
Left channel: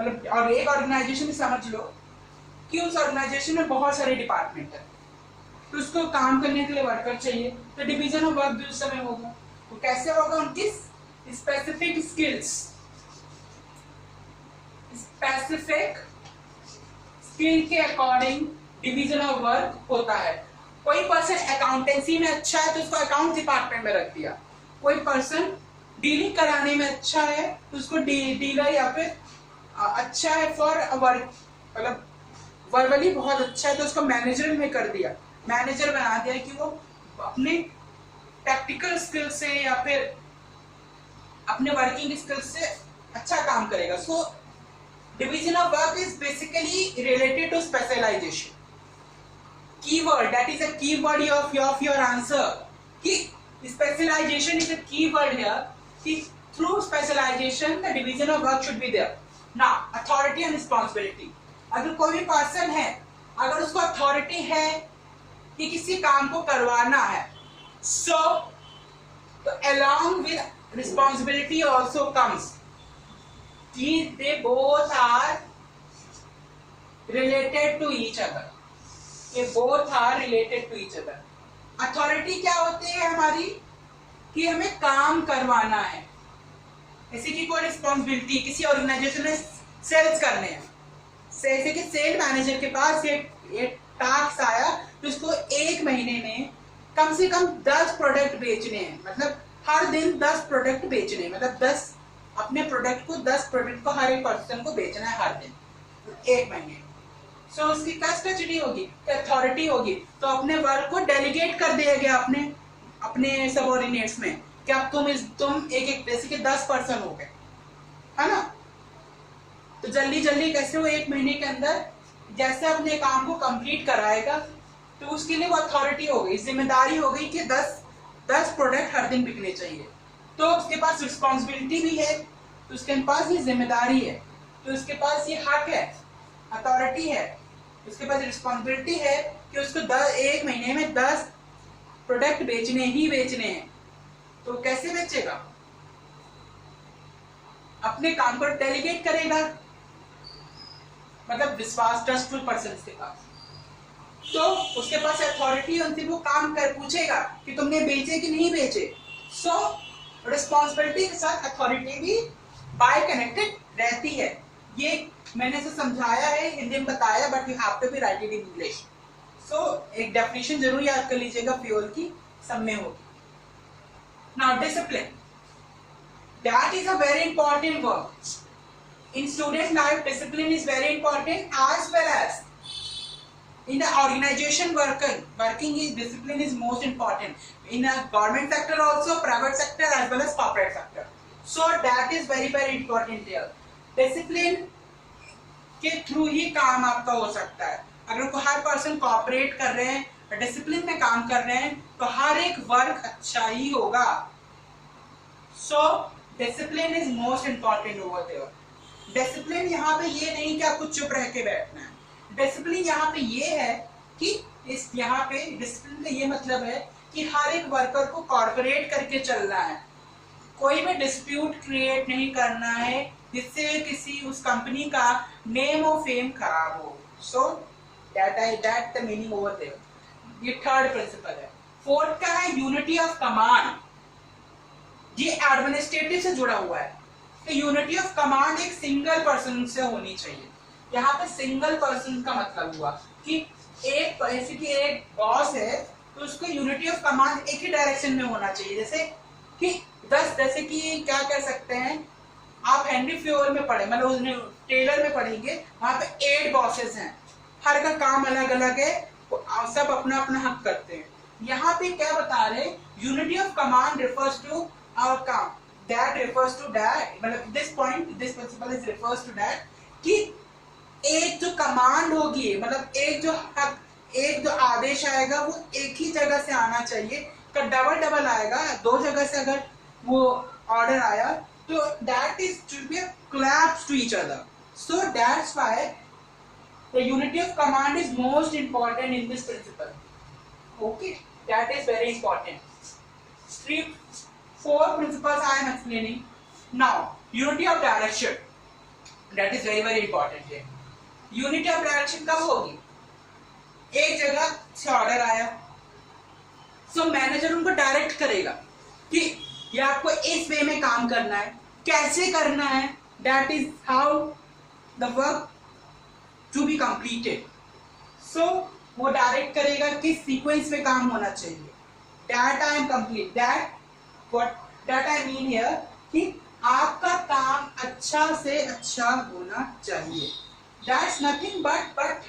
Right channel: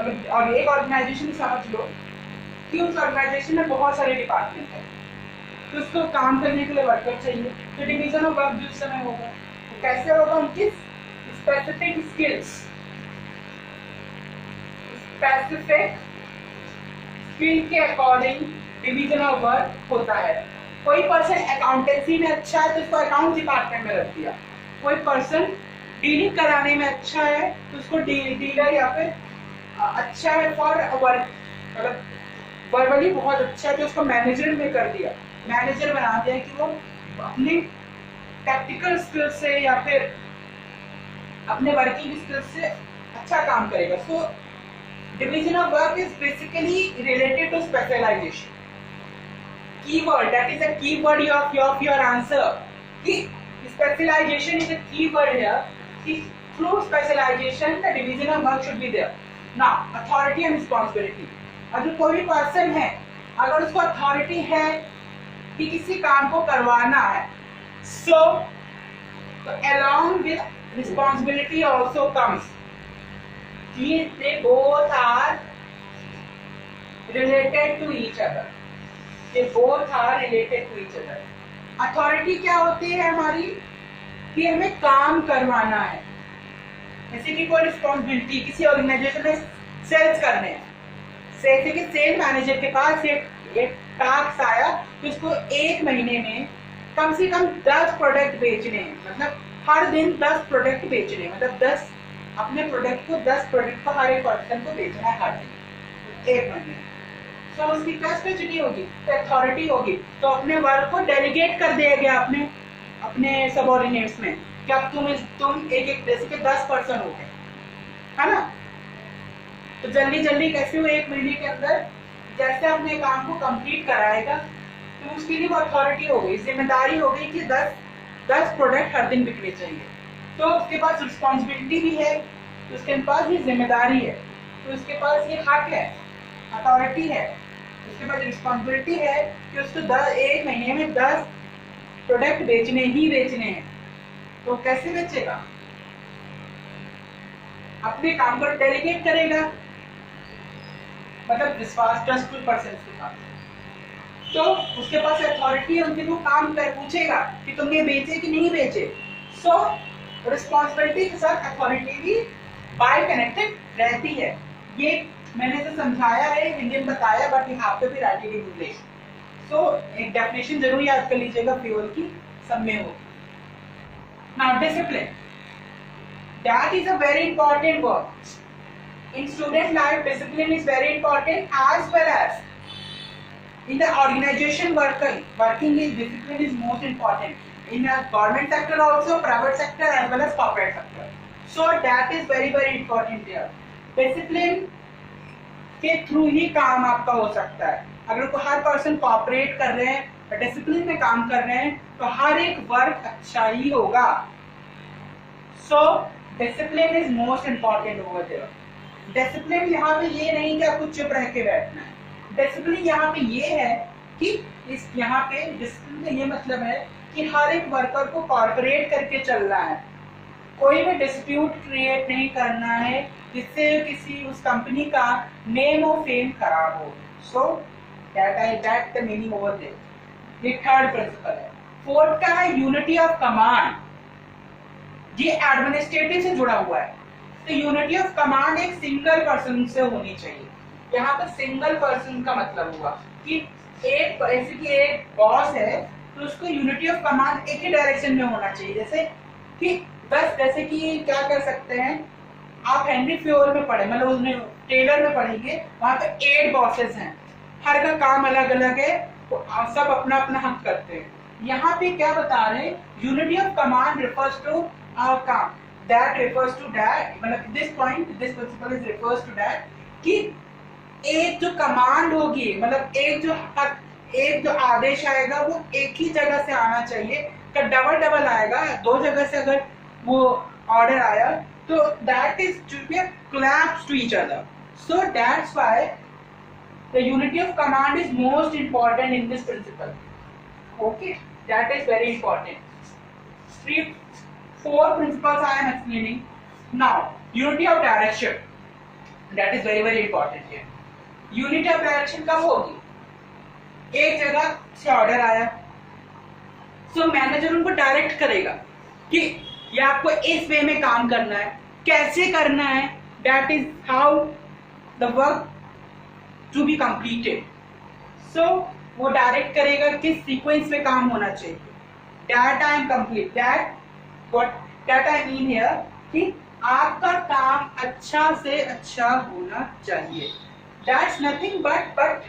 मतलब और एक ऑर्गेनाइजेशन समझ लो कि उस ऑर्गेनाइजेशन में बहुत सारे डिपार्टमेंट है तो उसको काम करने के लिए वर्कर चाहिए, तो डिवीजन ऑफ वर्क भी उस समय होगा। तो कैसे होगा, उनकी स्पेसिफिक स्किल्स, स्पेसिफिक स्किल के अकॉर्डिंग डिवीजन ऑफ वर्क होता है। कोई पर्सन अकाउंटेंसी में अच्छा है तो उसको अकाउंट डिपार्टमेंट में रख दिया, कोई पर्सन डीलिंग कराने में अच्छा है तो उसको डीलर या फिर अच्छा है फॉर वर्क, मतलब वर्बली बहुत अच्छा है तो उसको मैनेजर में कर दिया, मैनेजर बना दिया कि वो अपने टैक्टिकल स्किल से या फिर अपने वर्किंग स्किल से अच्छा काम करेगा। So division of work is basically related to specialization. Keyword, that is a keyword of your answer. कि specialization is a keyword here. कि through specialization the division of work should be there. Now authority and responsibility. अगर कोई भी person है, अगर उसको authority है कि किसी काम को करवाना है, so along with responsibility also comes. They both are related to each other. They both are related to each other. Authority क्या होती है हमारी, कि हमें काम करवाना है, जैसे कि कोई रिस्पॉन्सिबिलिटी किसी ऑर्गेनाइजेशन में सेल्स करने हैं, जैसे कि सेल मैनेजर के पास एक टास्क आया तो उसको एक महीने में कम से कम 10 प्रोडक्ट बेचने हैं, मतलब हर दिन 10 प्रोडक्ट बेचने, मतलब 10 अपने प्रोडक्ट को 10 प्रोडक्ट को हर एक पर्सन को बेचना है हर दिन एक महीने। सो उसकी कस्टडी होगी तो अथॉरिटी होगी, तो अपने वर्क को डेलीगेट कर दिया गया अपने सबऑर्डिनेट्स में कि अब तुम एक जैसे कि 10 पर्सन हो गए, है ना, तो जल्दी कैसे वो एक महीने के अंदर जैसे अपने काम को कंप्लीट कराएगा, तो उसके लिए वो अथॉरिटी हो गई, जिम्मेदारी हो गई कि 10 प्रोडक्ट हर दिन बिकने चाहिए। तो उसके पास रिस्पॉन्सिबिलिटी भी है, तो उसके पास ये जिम्मेदारी है, तो उसके पास ये हक है, अथॉरिटी है, उसके पास रिस्पॉन्सिबिलिटी है कि उसको एक महीने में 10 प्रोडक्ट बेचने हैं। तो कैसे बेचेगा, अपने काम को डेलीगेट करेगा, मतलब विश्वास ट्रस्टफुल पर्सन के पास, तो उसके पास अथॉरिटी है, उनसे वो काम कर पूछेगा कि तुमने बेचे कि नहीं बेचे। सो रिस्पॉन्सिबिलिटी के साथ अथॉरिटी भी बाय कनेक्टेड रहती है। ये मैंने इसे समझाया है, हिंदी में बताया, but you have to be write in English. So एक डेफिनेशन जरूर याद कर लीजिएगा, फ्यूल की सब में होगी। Now discipline, that is a very important word in student life. Discipline is very important as well as In the organization working is discipline is most important. In a government sector also, private sector as well as corporate sector. So that is very very important here. Discipline के through ही काम आपका हो सकता है. अगर कोई हर person cooperate कर रहे हैं, डिसिप्लिन में काम कर रहे हैं, तो हर एक वर्क अच्छा ही होगा. So discipline is most important over there. Discipline यहाँ पे ये नहीं कि आपको चुप रह के बैठना है. डिसिप्लिन यहाँ पे ये है कि इस यहाँ पे डिसिप्लिन का ये मतलब है कि हर एक वर्कर को कॉर्पोरेट करके चलना है. कोई भी डिस्प्यूट क्रिएट नहीं करना है जिससे किसी उस कंपनी का नेम और फेम खराब हो. So that the meaning over there. ये थर्ड प्रिंसिपल है. फोर्थ का है यूनिटी ऑफ कमांड. ये एडमिनिस्ट्रेटिव से जुड़ा हुआ है. तो यूनिटी ऑफ कमांड एक सिंगल पर्सन से होनी चाहिए. यहाँ पे सिंगल पर्सन का मतलब हुआ कि एक ऐसे कि एक बॉस है तो उसको यूनिटी ऑफ कमांड एक ही डायरेक्शन में होना चाहिए. जैसे कि क्या कर सकते हैं, आप हेनरी फ्योर में पढ़े, मतलब उसमें टेलर में पढ़ेंगे, वहां पे 8 बॉसेस हैं, हर का काम अलग अलग है, तो सब अपना अपना हक करते हैं. यहाँ पे क्या बता रहे हैं, unity of command refers to our काम, दैट रिफर्स टू दैट, मतलब this principle is refers to that कि एक जो कमांड होगी, मतलब एक जो आदेश आएगा वो एक ही जगह से आना चाहिए. डबल आएगा, 2 जगह से अगर वो ऑर्डर आया तो that is should be a collapse to each other. So that's why the unity of command is most important in this principle. Okay, that is very important. 4 principles I am explaining now. Unity of direction, that is very very important here. Unity of direction कब होगी? एक जगह से order आया, so manager उनको direct करेगा कि ये आपको इस वे में काम करना है, कैसे करना है. That is how the work to be completed. So वो डायरेक्ट करेगा किस सीक्वेंस में काम होना चाहिए. That I am complete, that I mean here कि आपका काम अच्छा से अच्छा होना चाहिए. दैट्स नथिंग बट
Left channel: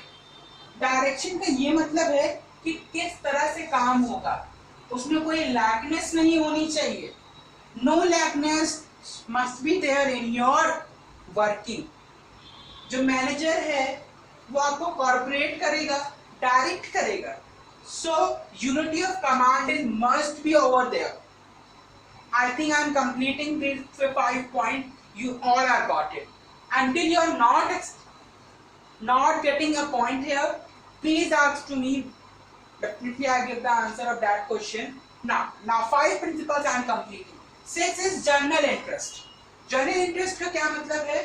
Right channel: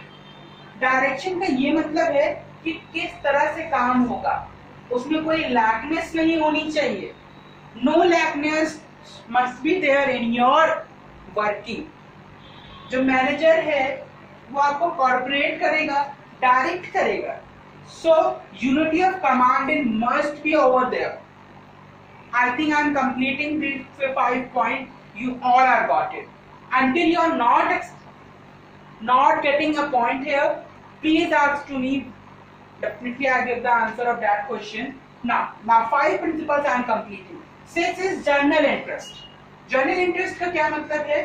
डायरेक्शन का ये मतलब है कि किस तरह से काम होगा, उसमें कोई लैकनेस नहीं होनी चाहिए. No lackness must be there in your working. जो मैनेजर है वो आपको कॉर्पोरेट करेगा, डायरेक्ट करेगा. So unity of command is must be over there. I think I am completing this 5 point. You all are got it. Until you are not getting a point here, please ask to me. Definitely I give the answer of that question. Now 5 principles I am completing. 6 is journal interest. Journal interest का क्या मतलब है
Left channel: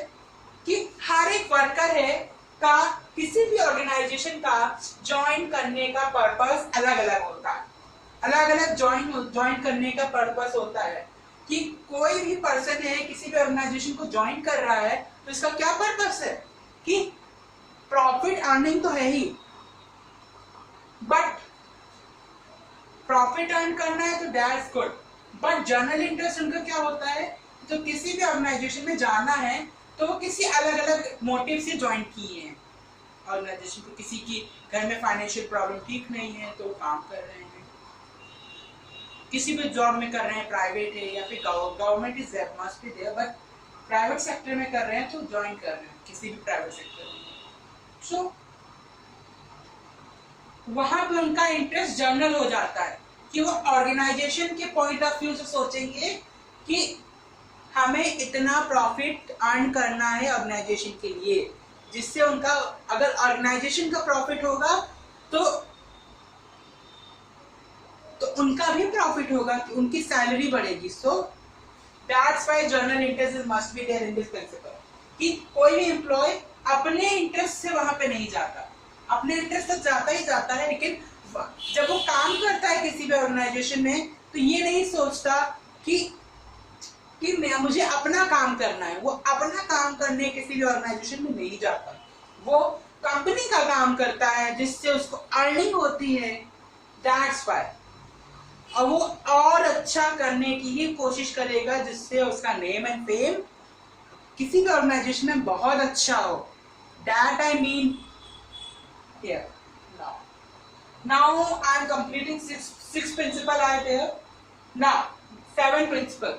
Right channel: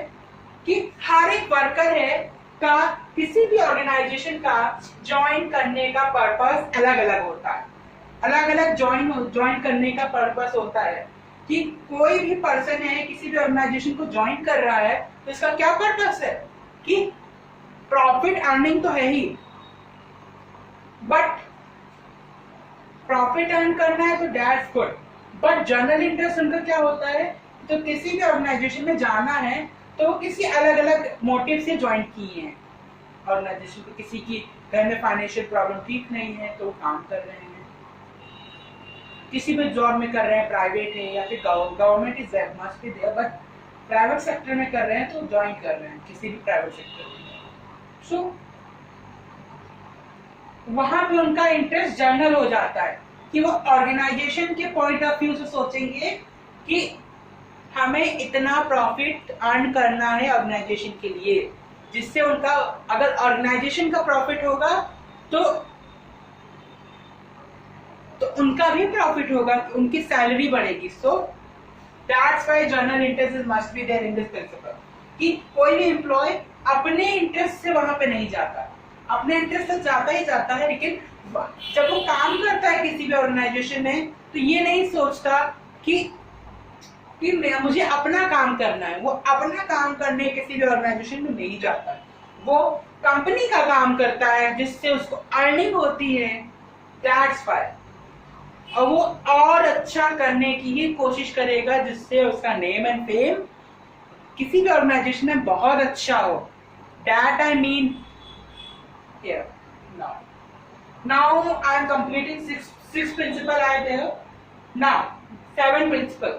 कि हर एक worker है का किसी भी ऑर्गेनाइजेशन का ज्वाइन करने का पर्पस अलग अलग होता है. अलग अलग ज्वाइन करने का पर्पस होता है कि कोई भी पर्सन है किसी भी ऑर्गेनाइजेशन को ज्वाइन कर रहा है तो इसका क्या पर्पस है कि प्रॉफिट अर्निंग तो है ही, बट प्रॉफिट अर्न करना है तो that's good. But general interest उनका क्या होता है, तो किसी भी ऑर्गेनाइजेशन में जाना है तो वो किसी अलग अलग मोटिव से ज्वाइन किए हैं ऑर्गेनाइजेशन को. किसी की घर में फाइनेंशियल प्रॉब्लम ठीक नहीं है तो वो काम कर रहे हैं, किसी भी जॉब में कर रहे हैं, प्राइवेट है या फिर government is must be there, but private sector में कर रहे हैं तो ज्वाइन कर रहे हैं किसी भी प्राइवेट सेक्टर में. सो वहां पे उनका इंटरेस्ट जर्नल हो जाता है कि वो ऑर्गेनाइजेशन के पॉइंट ऑफ व्यू से सोचेंगे कि हमें इतना प्रॉफिट अर्न करना है ऑर्गेनाइजेशन के लिए, जिससे उनका अगर ऑर्गेनाइजेशन का प्रॉफिट होगा तो उनका भी प्रॉफिट होगा, उनकी सैलरी बढ़ेगी. So that's why general interest must be there in this principle कि कोई भी एम्प्लॉय अपने इंटरेस्ट से वहां पे नहीं जाता. अपने इंटरेस्ट से जाता ही जाता है, लेकिन जब वो काम करता है किसी भी ऑर्गेनाइजेशन में तो ये नहीं सोचता कि मुझे अपना काम करना है. वो अपना काम करने किसी भी ऑर्गेनाइजेशन में नहीं जाता, वो कंपनी का काम करता है जिससे उसको अर्निंग होती है. That's why. और वो और अच्छा करने की ही कोशिश करेगा जिससे उसका नेम एंड फेम किसी भी ऑर्गेनाइजेशन में बहुत अच्छा हो. That I mean here. Now Now I am completing six principle are there. Now seventh principle.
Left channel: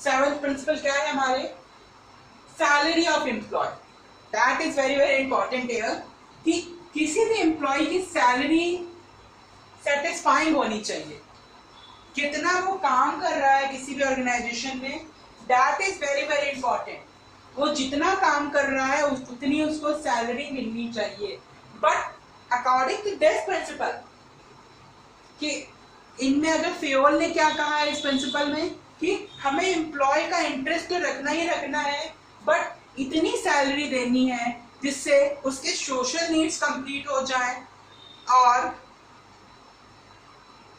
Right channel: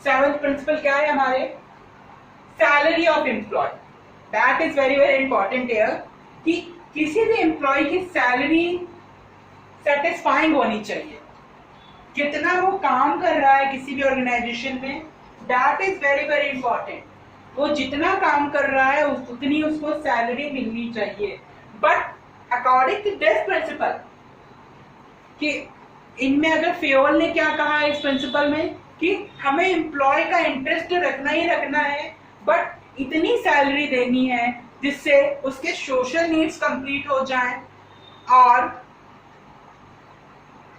Seventh principle क्या है हमारे? Salary of employee. That is very very important here कि किसी भी एम्प्लॉय की सैलरी सेटिस्फाइंग होनी चाहिए. कितना वो काम कर रहा है किसी भी ऑर्गेनाइजेशन में, that is very very important. वो जितना काम कर रहा है उतनी उसको सैलरी मिलनी चाहिए. But according to this principle कि इनमें अगर फेयोल ने क्या कहा है इस प्रिंसिपल में कि हमें एम्प्लॉय का इंटरेस्ट तो रखना ही रखना है, बट इतनी सैलरी देनी है जिससे उसके सोशल नीड्स कंप्लीट हो जाए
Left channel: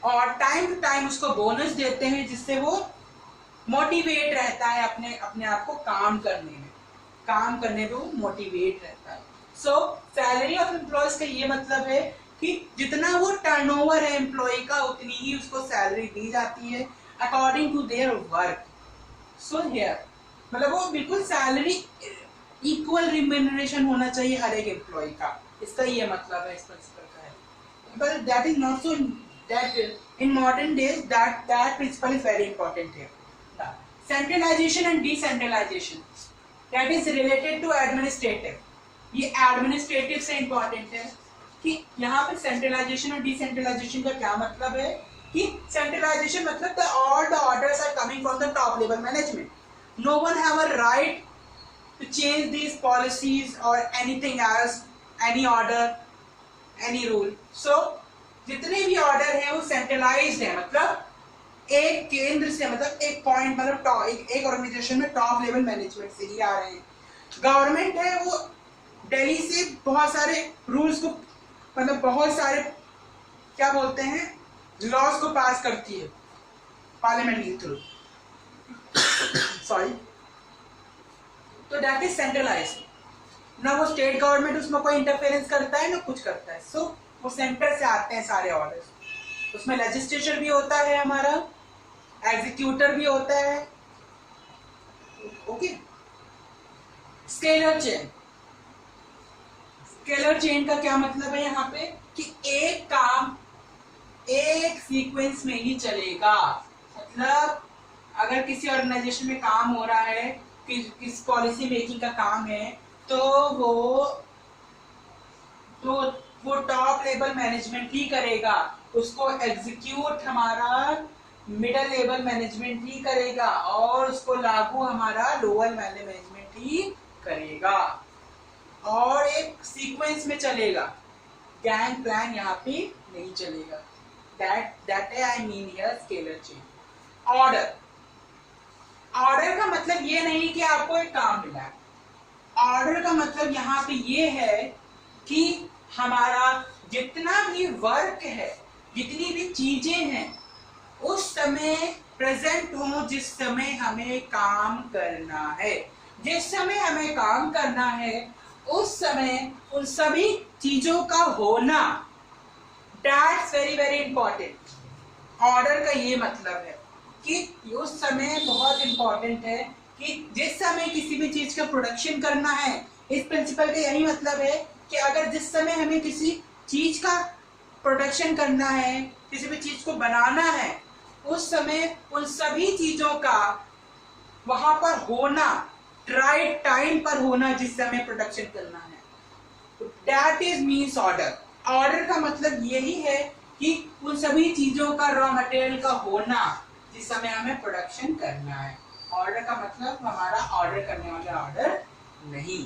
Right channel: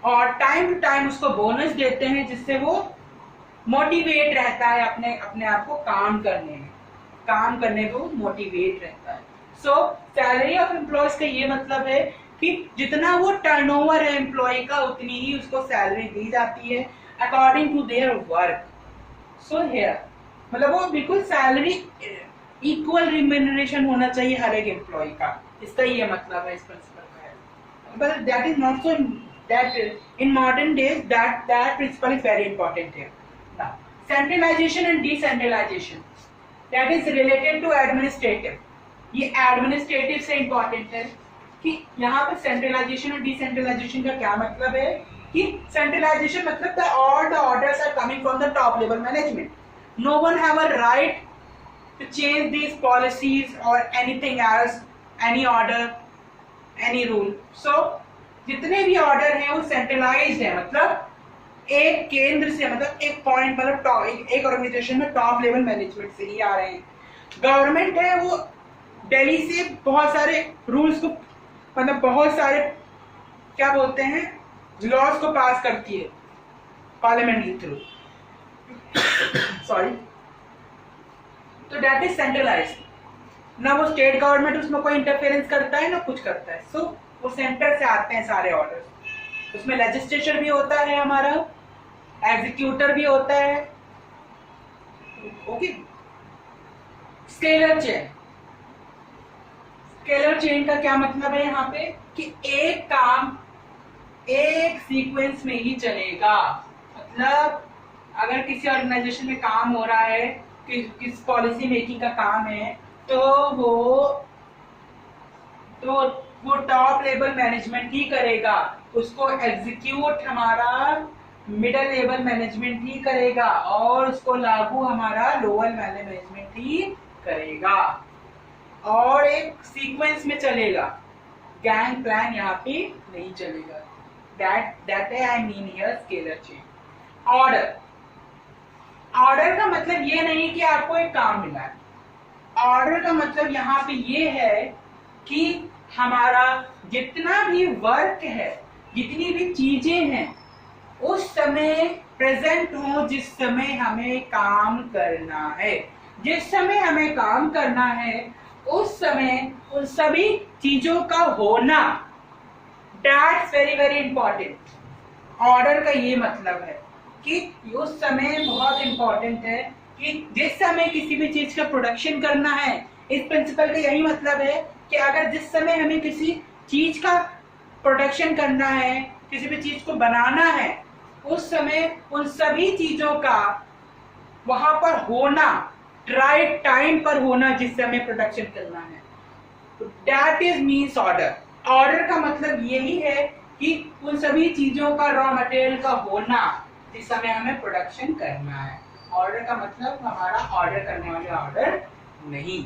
और टाइम टू टाइम उसको बोनस देते हैं जिससे वो मोटिवेट रहता है अपने आप को काम करने में वो मोटिवेट रहता है. सो सैलरी ऑफ एम्प्लॉयज का ये मतलब है कि जितना वो टर्नओवर है एम्प्लॉय का उतनी ही उसको सैलरी दी जाती है according to their work. So here मतलब वो बिल्कुल सैलरी इक्वल रिम्यूनरेशन होना चाहिए हर एक एम्प्लॉय का. इसका ये मतलब है इस प्रिंसिपल का है. But that is not so that in modern days that principle is very important here. Now centralization and decentralization, that is related to administrative. ये administrative से important है कि यहाँ पर centralization और decentralization का क्या मतलब है कि centralization मतलब all the orders are coming from the top level management. No one have a right to change these policies or anything else, any order, any rule. So जितने भी ऑर्डर हैं वो सेंट्रलाइज्ड है, मतलब एक केंद्र से, मतलब एक पॉइंट, मतलब एक ऑर्गेनाइजेशन में टॉप लेवल मैनेजमेंट से ही आ रहे हैं. गवर्नमेंट है वो दिल्ली से बहुत सारे रूल्स को, मतलब बहुत सारे क्या बोलते हैं लॉज को पास करती है पार्लियामेंट के थ्रू. सॉरी. तो दैट इज सेंट्रलाइज्ड. ना वो स्टेट गवर्नमेंट उसमें कोई इंटरफेरेंस करता है ना कुछ करता है. सो वो सेंटर से आते हैं सारे ऑर्डर्स. उसमें लेजिस्लेचर भी होता है हमारा, एग्जीक्यूटर भी होता है. Okay. Scalar chain. Scalar chain का क्या मतलब है यहाँ पे कि एक काम एक सीक्वेंस में ही चलेगा. मतलब अगर किसी ऑर्गेनाइजेशन में काम हो रहा है, किस पॉलिसी मेकिंग का काम है, तो वो टॉप लेवल मैनेजमेंट ही करेगा. उसको एग्जीक्यूट हमारा मिडिल लेवल मैनेजमेंट ही करेगा और उसको लागू हमारा लोअर मैनेजमेंट ही करेगा और एक सीक्वेंस में चलेगा. गैंग प्लान यहाँ पे नहीं चलेगा. That I mean here scalar chain. Order. Order का मतलब ये नहीं कि आपको एक काम मिला है. ऑर्डर का मतलब यहाँ पे ये है कि हमारा जितना भी वर्क है, जितनी भी चीजें हैं, उस समय प्रेजेंट हो जिस समय हमें काम करना है. जिस समय हमें काम करना है उस समय उन सभी चीजों का होना, that's very very important. Order का ये मतलब है कि उस समय बहुत इंपॉर्टेंट है कि जिस समय किसी भी चीज का प्रोडक्शन करना है. इस प्रिंसिपल का यही मतलब है कि अगर जिस समय हमें किसी चीज का प्रोडक्शन करना है, किसी भी चीज को बनाना है, उस समय उन सभी चीजों का वहां पर होना, राइट टाइम पर होना जिस समय प्रोडक्शन करना है. That is means order. Order का मतलब यही है कि उन सभी चीजों का रॉ मटेरियल का होना जिस समय हमें प्रोडक्शन करना है. ऑर्डर का मतलब हमारा ऑर्डर करने वाले ऑर्डर नहीं.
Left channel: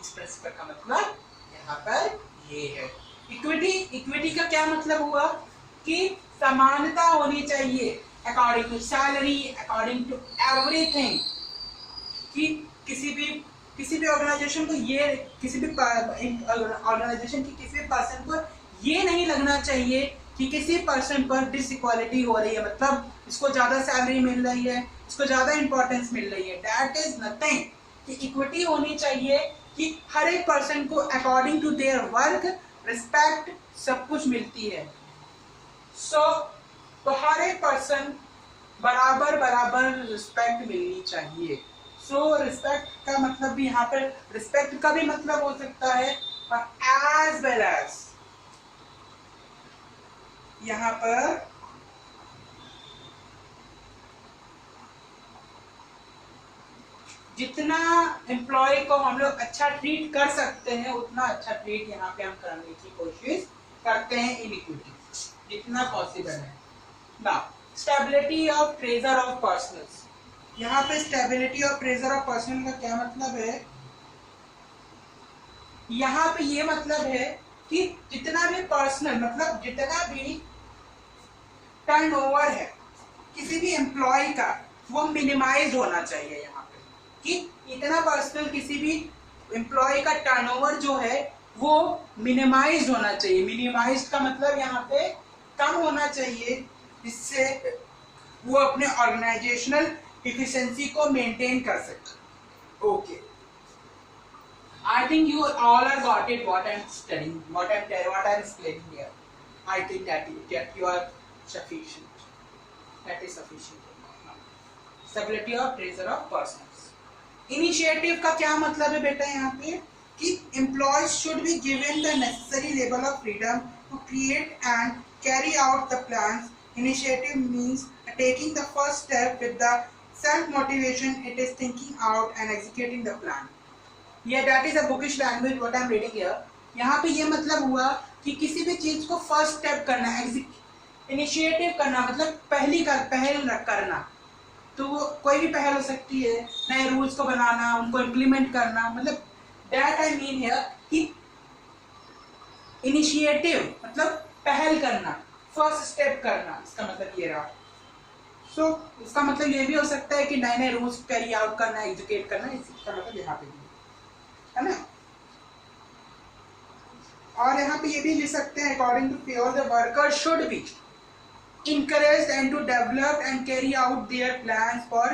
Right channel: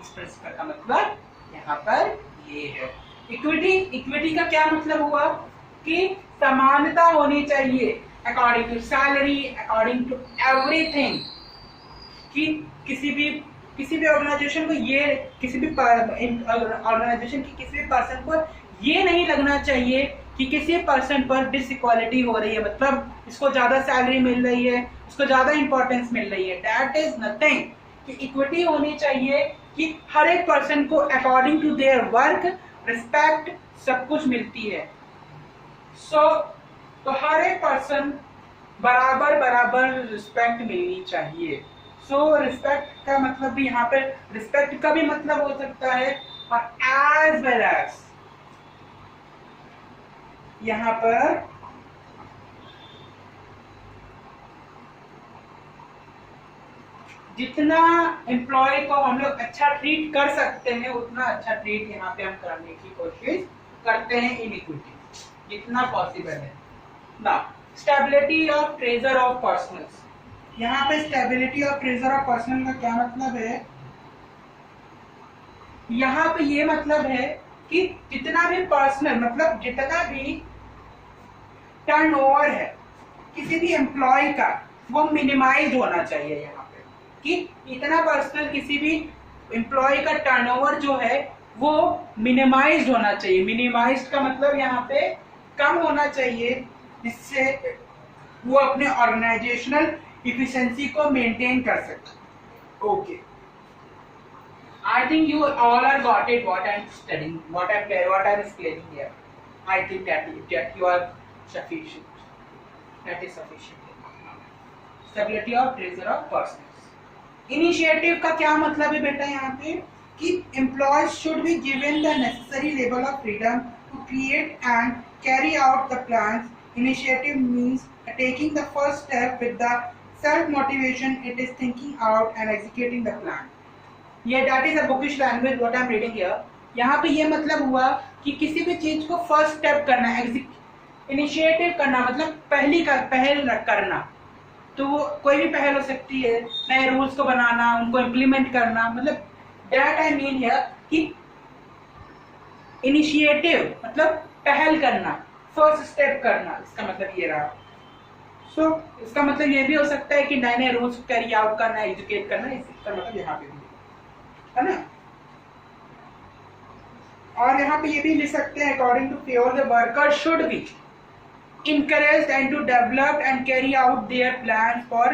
इस प्रिंसिपल का मतलब यहाँ पर ये है. इक्विटी का क्या मतलब हुआ कि समानता होनी चाहिए according to salary, according to everything. कि किसी भी ऑर्गेनाइजेशन को ये, किसी भी ऑर्गेनाइजेशन की किसी भी पर्सन को ये नहीं लगना चाहिए कि किसी पर्सन पर डिसइक्वालिटी हो रही है, मतलब इसको ज्यादा सैलरी मिल रही है, इसको ज्यादा इंपॉर्टेंस मिल रही है. That is nothing. कि इक्विटी होनी चाहिए कि हर एक पर्सन को according to their work respect सब कुछ मिलती है. तो हर एक पर्सन बराबर रिस्पेक्ट मिलनी चाहिए. रिस्पेक्ट का मतलब भी यहाँ पर, रिस्पेक्ट का भी मतलब हो सकता है और एज वेल एज यहाँ पर जितना एम्प्लॉय को हम लोग अच्छा ट्रीट कर सकते हैं उतना अच्छा ट्रीट यहाँ पे हम करने की कोशिश करते हैं इन इक्विटी, जितना पॉसिबल है ना। Stability of tenure of personnels, यहाँ पे stability of tenure of personnel का क्या मतलब है? यहाँ पे ये मतलब है कि जितना भी पर्सनल मतलब जितना भी टर्नओवर है किसी भी एम्प्लॉय का वो मिनिमाइज होना चाहिए। यहाँ पे कि इतना पर्सनल किसी भी एम्प्लॉय का टर्नओवर जो है वो मिनिमाइज होना चाहिए। मिनिमाइज का मतलब यहाँ पे कम होना चाहिए, जिससे वो अपने ऑर्गेनाइजेशनल इफिशिएंसी को मेंटेन कर सके। Okay, I think you all are got it what I'm studying, what I'm explaining here. I think that you are sufficient. That is sufficient. Stability of treasure of persons. Initiative का क्या मतलब है बेटा यहाँ पे? कि employees should be given the necessary level of freedom to create and carry out the plans. Initiative means taking the first step with the self motivation. It is thinking out and executing the plan. ये that is a bookish language what I am reading here. यहाँ पे ये मतलब हुआ कि किसी भी चीज को फर्स्ट स्टेप करना, इनिशिएटिव करना मतलब पहल करना। तो वो कोई भी पहल हो सकती है, नए रूल्स को बनाना, उनको इम्प्लीमेंट करना, मतलब दैट आई मीन हियर कि इनिशिएटिव मतलब पहल करना, फर्स्ट स्टेप करना, इसका मतलब ये रहा। सो इसका मतलब ये भी हो सकता है कि नए नए रूल्स कैरी आउट करना, एजुकेट करना, इसका मतलब यहाँ पे भी है ना। और यहाँ पे ये भी लिख सकते हैं according to Fayol the worker should be encouraged and to develop and carry out their plans for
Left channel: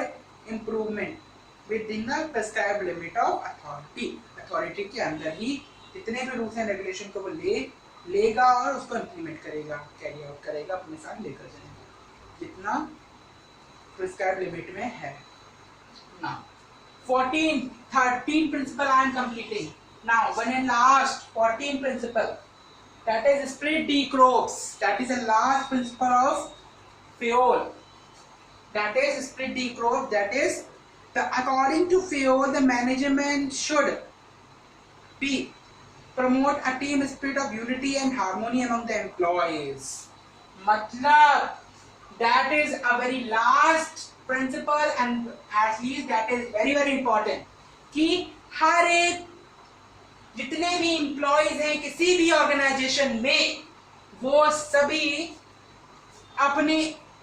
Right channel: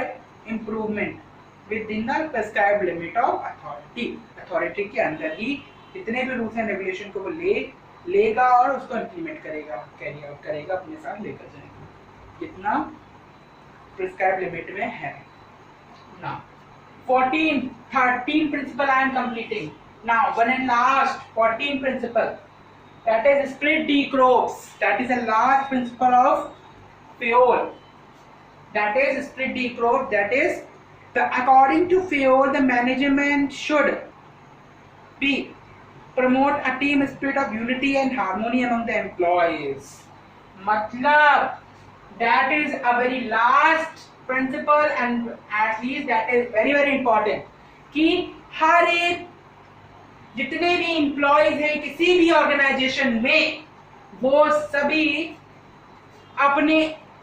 improvement within the prescribed limit of authority. Authority के अंदर ही जितने भी रूल्स एंड रेगुलेशन को वो लेगा और उसको इम्प्लीमेंट करेगा, कैरी आउट करेगा, अपने साथ लेकर जाएगा जितना प्रिस्क्राइब लिमिट में है ना। 13 principle I am completing now. One and last 14 principle, that is split decrops. That is the last principle of Fayol. That is split decrops. That is according to Fayol, the management should be promote a team spirit of unity and harmony among the employees. मतलब that is a very last principle and at least that is very very important कि हर एक जितने भी employees हैं किसी भी organisation में वो सभी अपने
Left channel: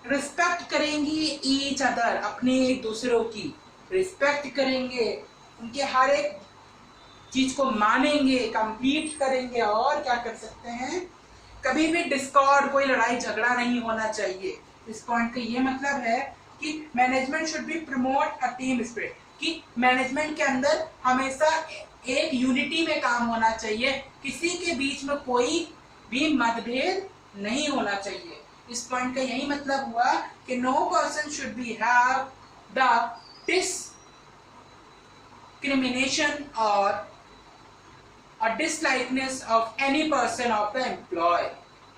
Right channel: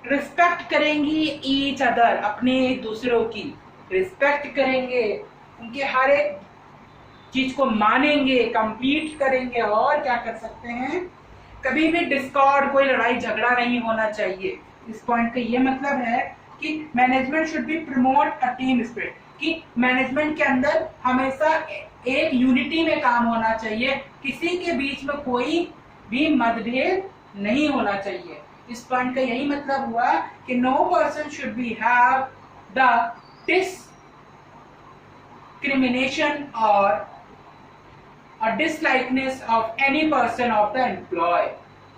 रिस्पेक्ट करेंगी ईच अदर, अपने एक दूसरों की रिस्पेक्ट करेंगे, उनके हर एक चीज को मानेंगे, कंप्लीट करेंगे। और क्या कर सकते हैं, कभी भी डिस्कॉर्ड, कोई लड़ाई झगड़ा नहीं होना चाहिए। इस पॉइंट का ये मतलब है कि management should be promote a team spirit, कि मैनेजमेंट के अंदर हमेशा एक यूनिटी में काम होना चाहिए, किसी के बीच में कोई भी मतभेद नहीं होना चाहिए। इस पॉइंट का यही मतलब हुआ कि no person should be have the discrimination और dislikeness of any person of the employ.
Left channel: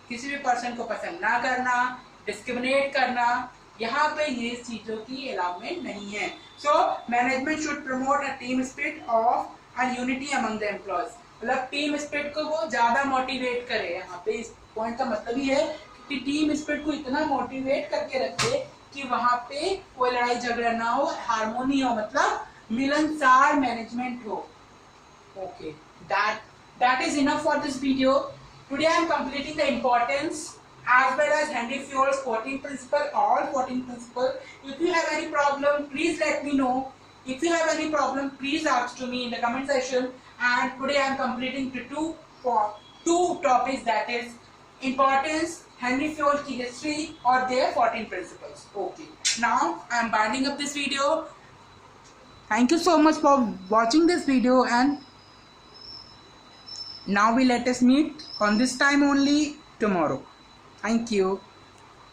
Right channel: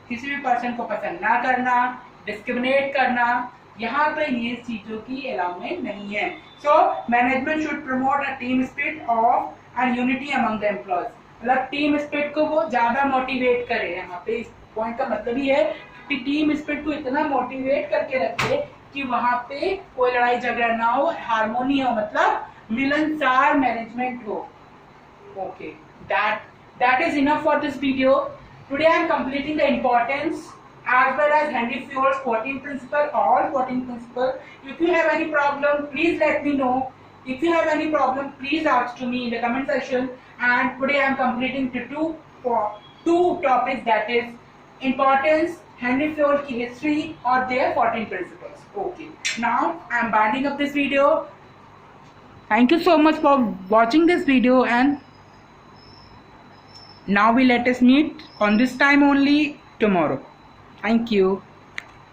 किसी भी पर्सन को पसंद ना करना, डिस्क्रिमिनेट करना, यहाँ पे ये चीजों की अलाउमेंट नहीं है। So management should promote a team spirit of and unity among the employees, मतलब टीम स्पिरिट को वो ज्यादा मोटिवेट करे। यहाँ पे इस पॉइंट का मतलब ही है कि टीम स्पिरिट को इतना मोटिवेट करके रखे कि वहां पे कोई लड़ाई झगड़ा ना हो, हार्मोनी हो, मतलब मिलनसार मैनेजमेंट हो। Okay, that is enough for this video. Today I am completing the importance as well as Henry Fayol's 14 principle, all 14 principle. If you have any problem, please let me know. If you have any problem, please ask to me in the comment section. And today I am completing two topics, that is importance, Henry Fayol की history or their 14 principles. Okay, now I am winding up this video. Thank you so much for watching this video, and now we let us meet on this time only tomorrow. Thank you.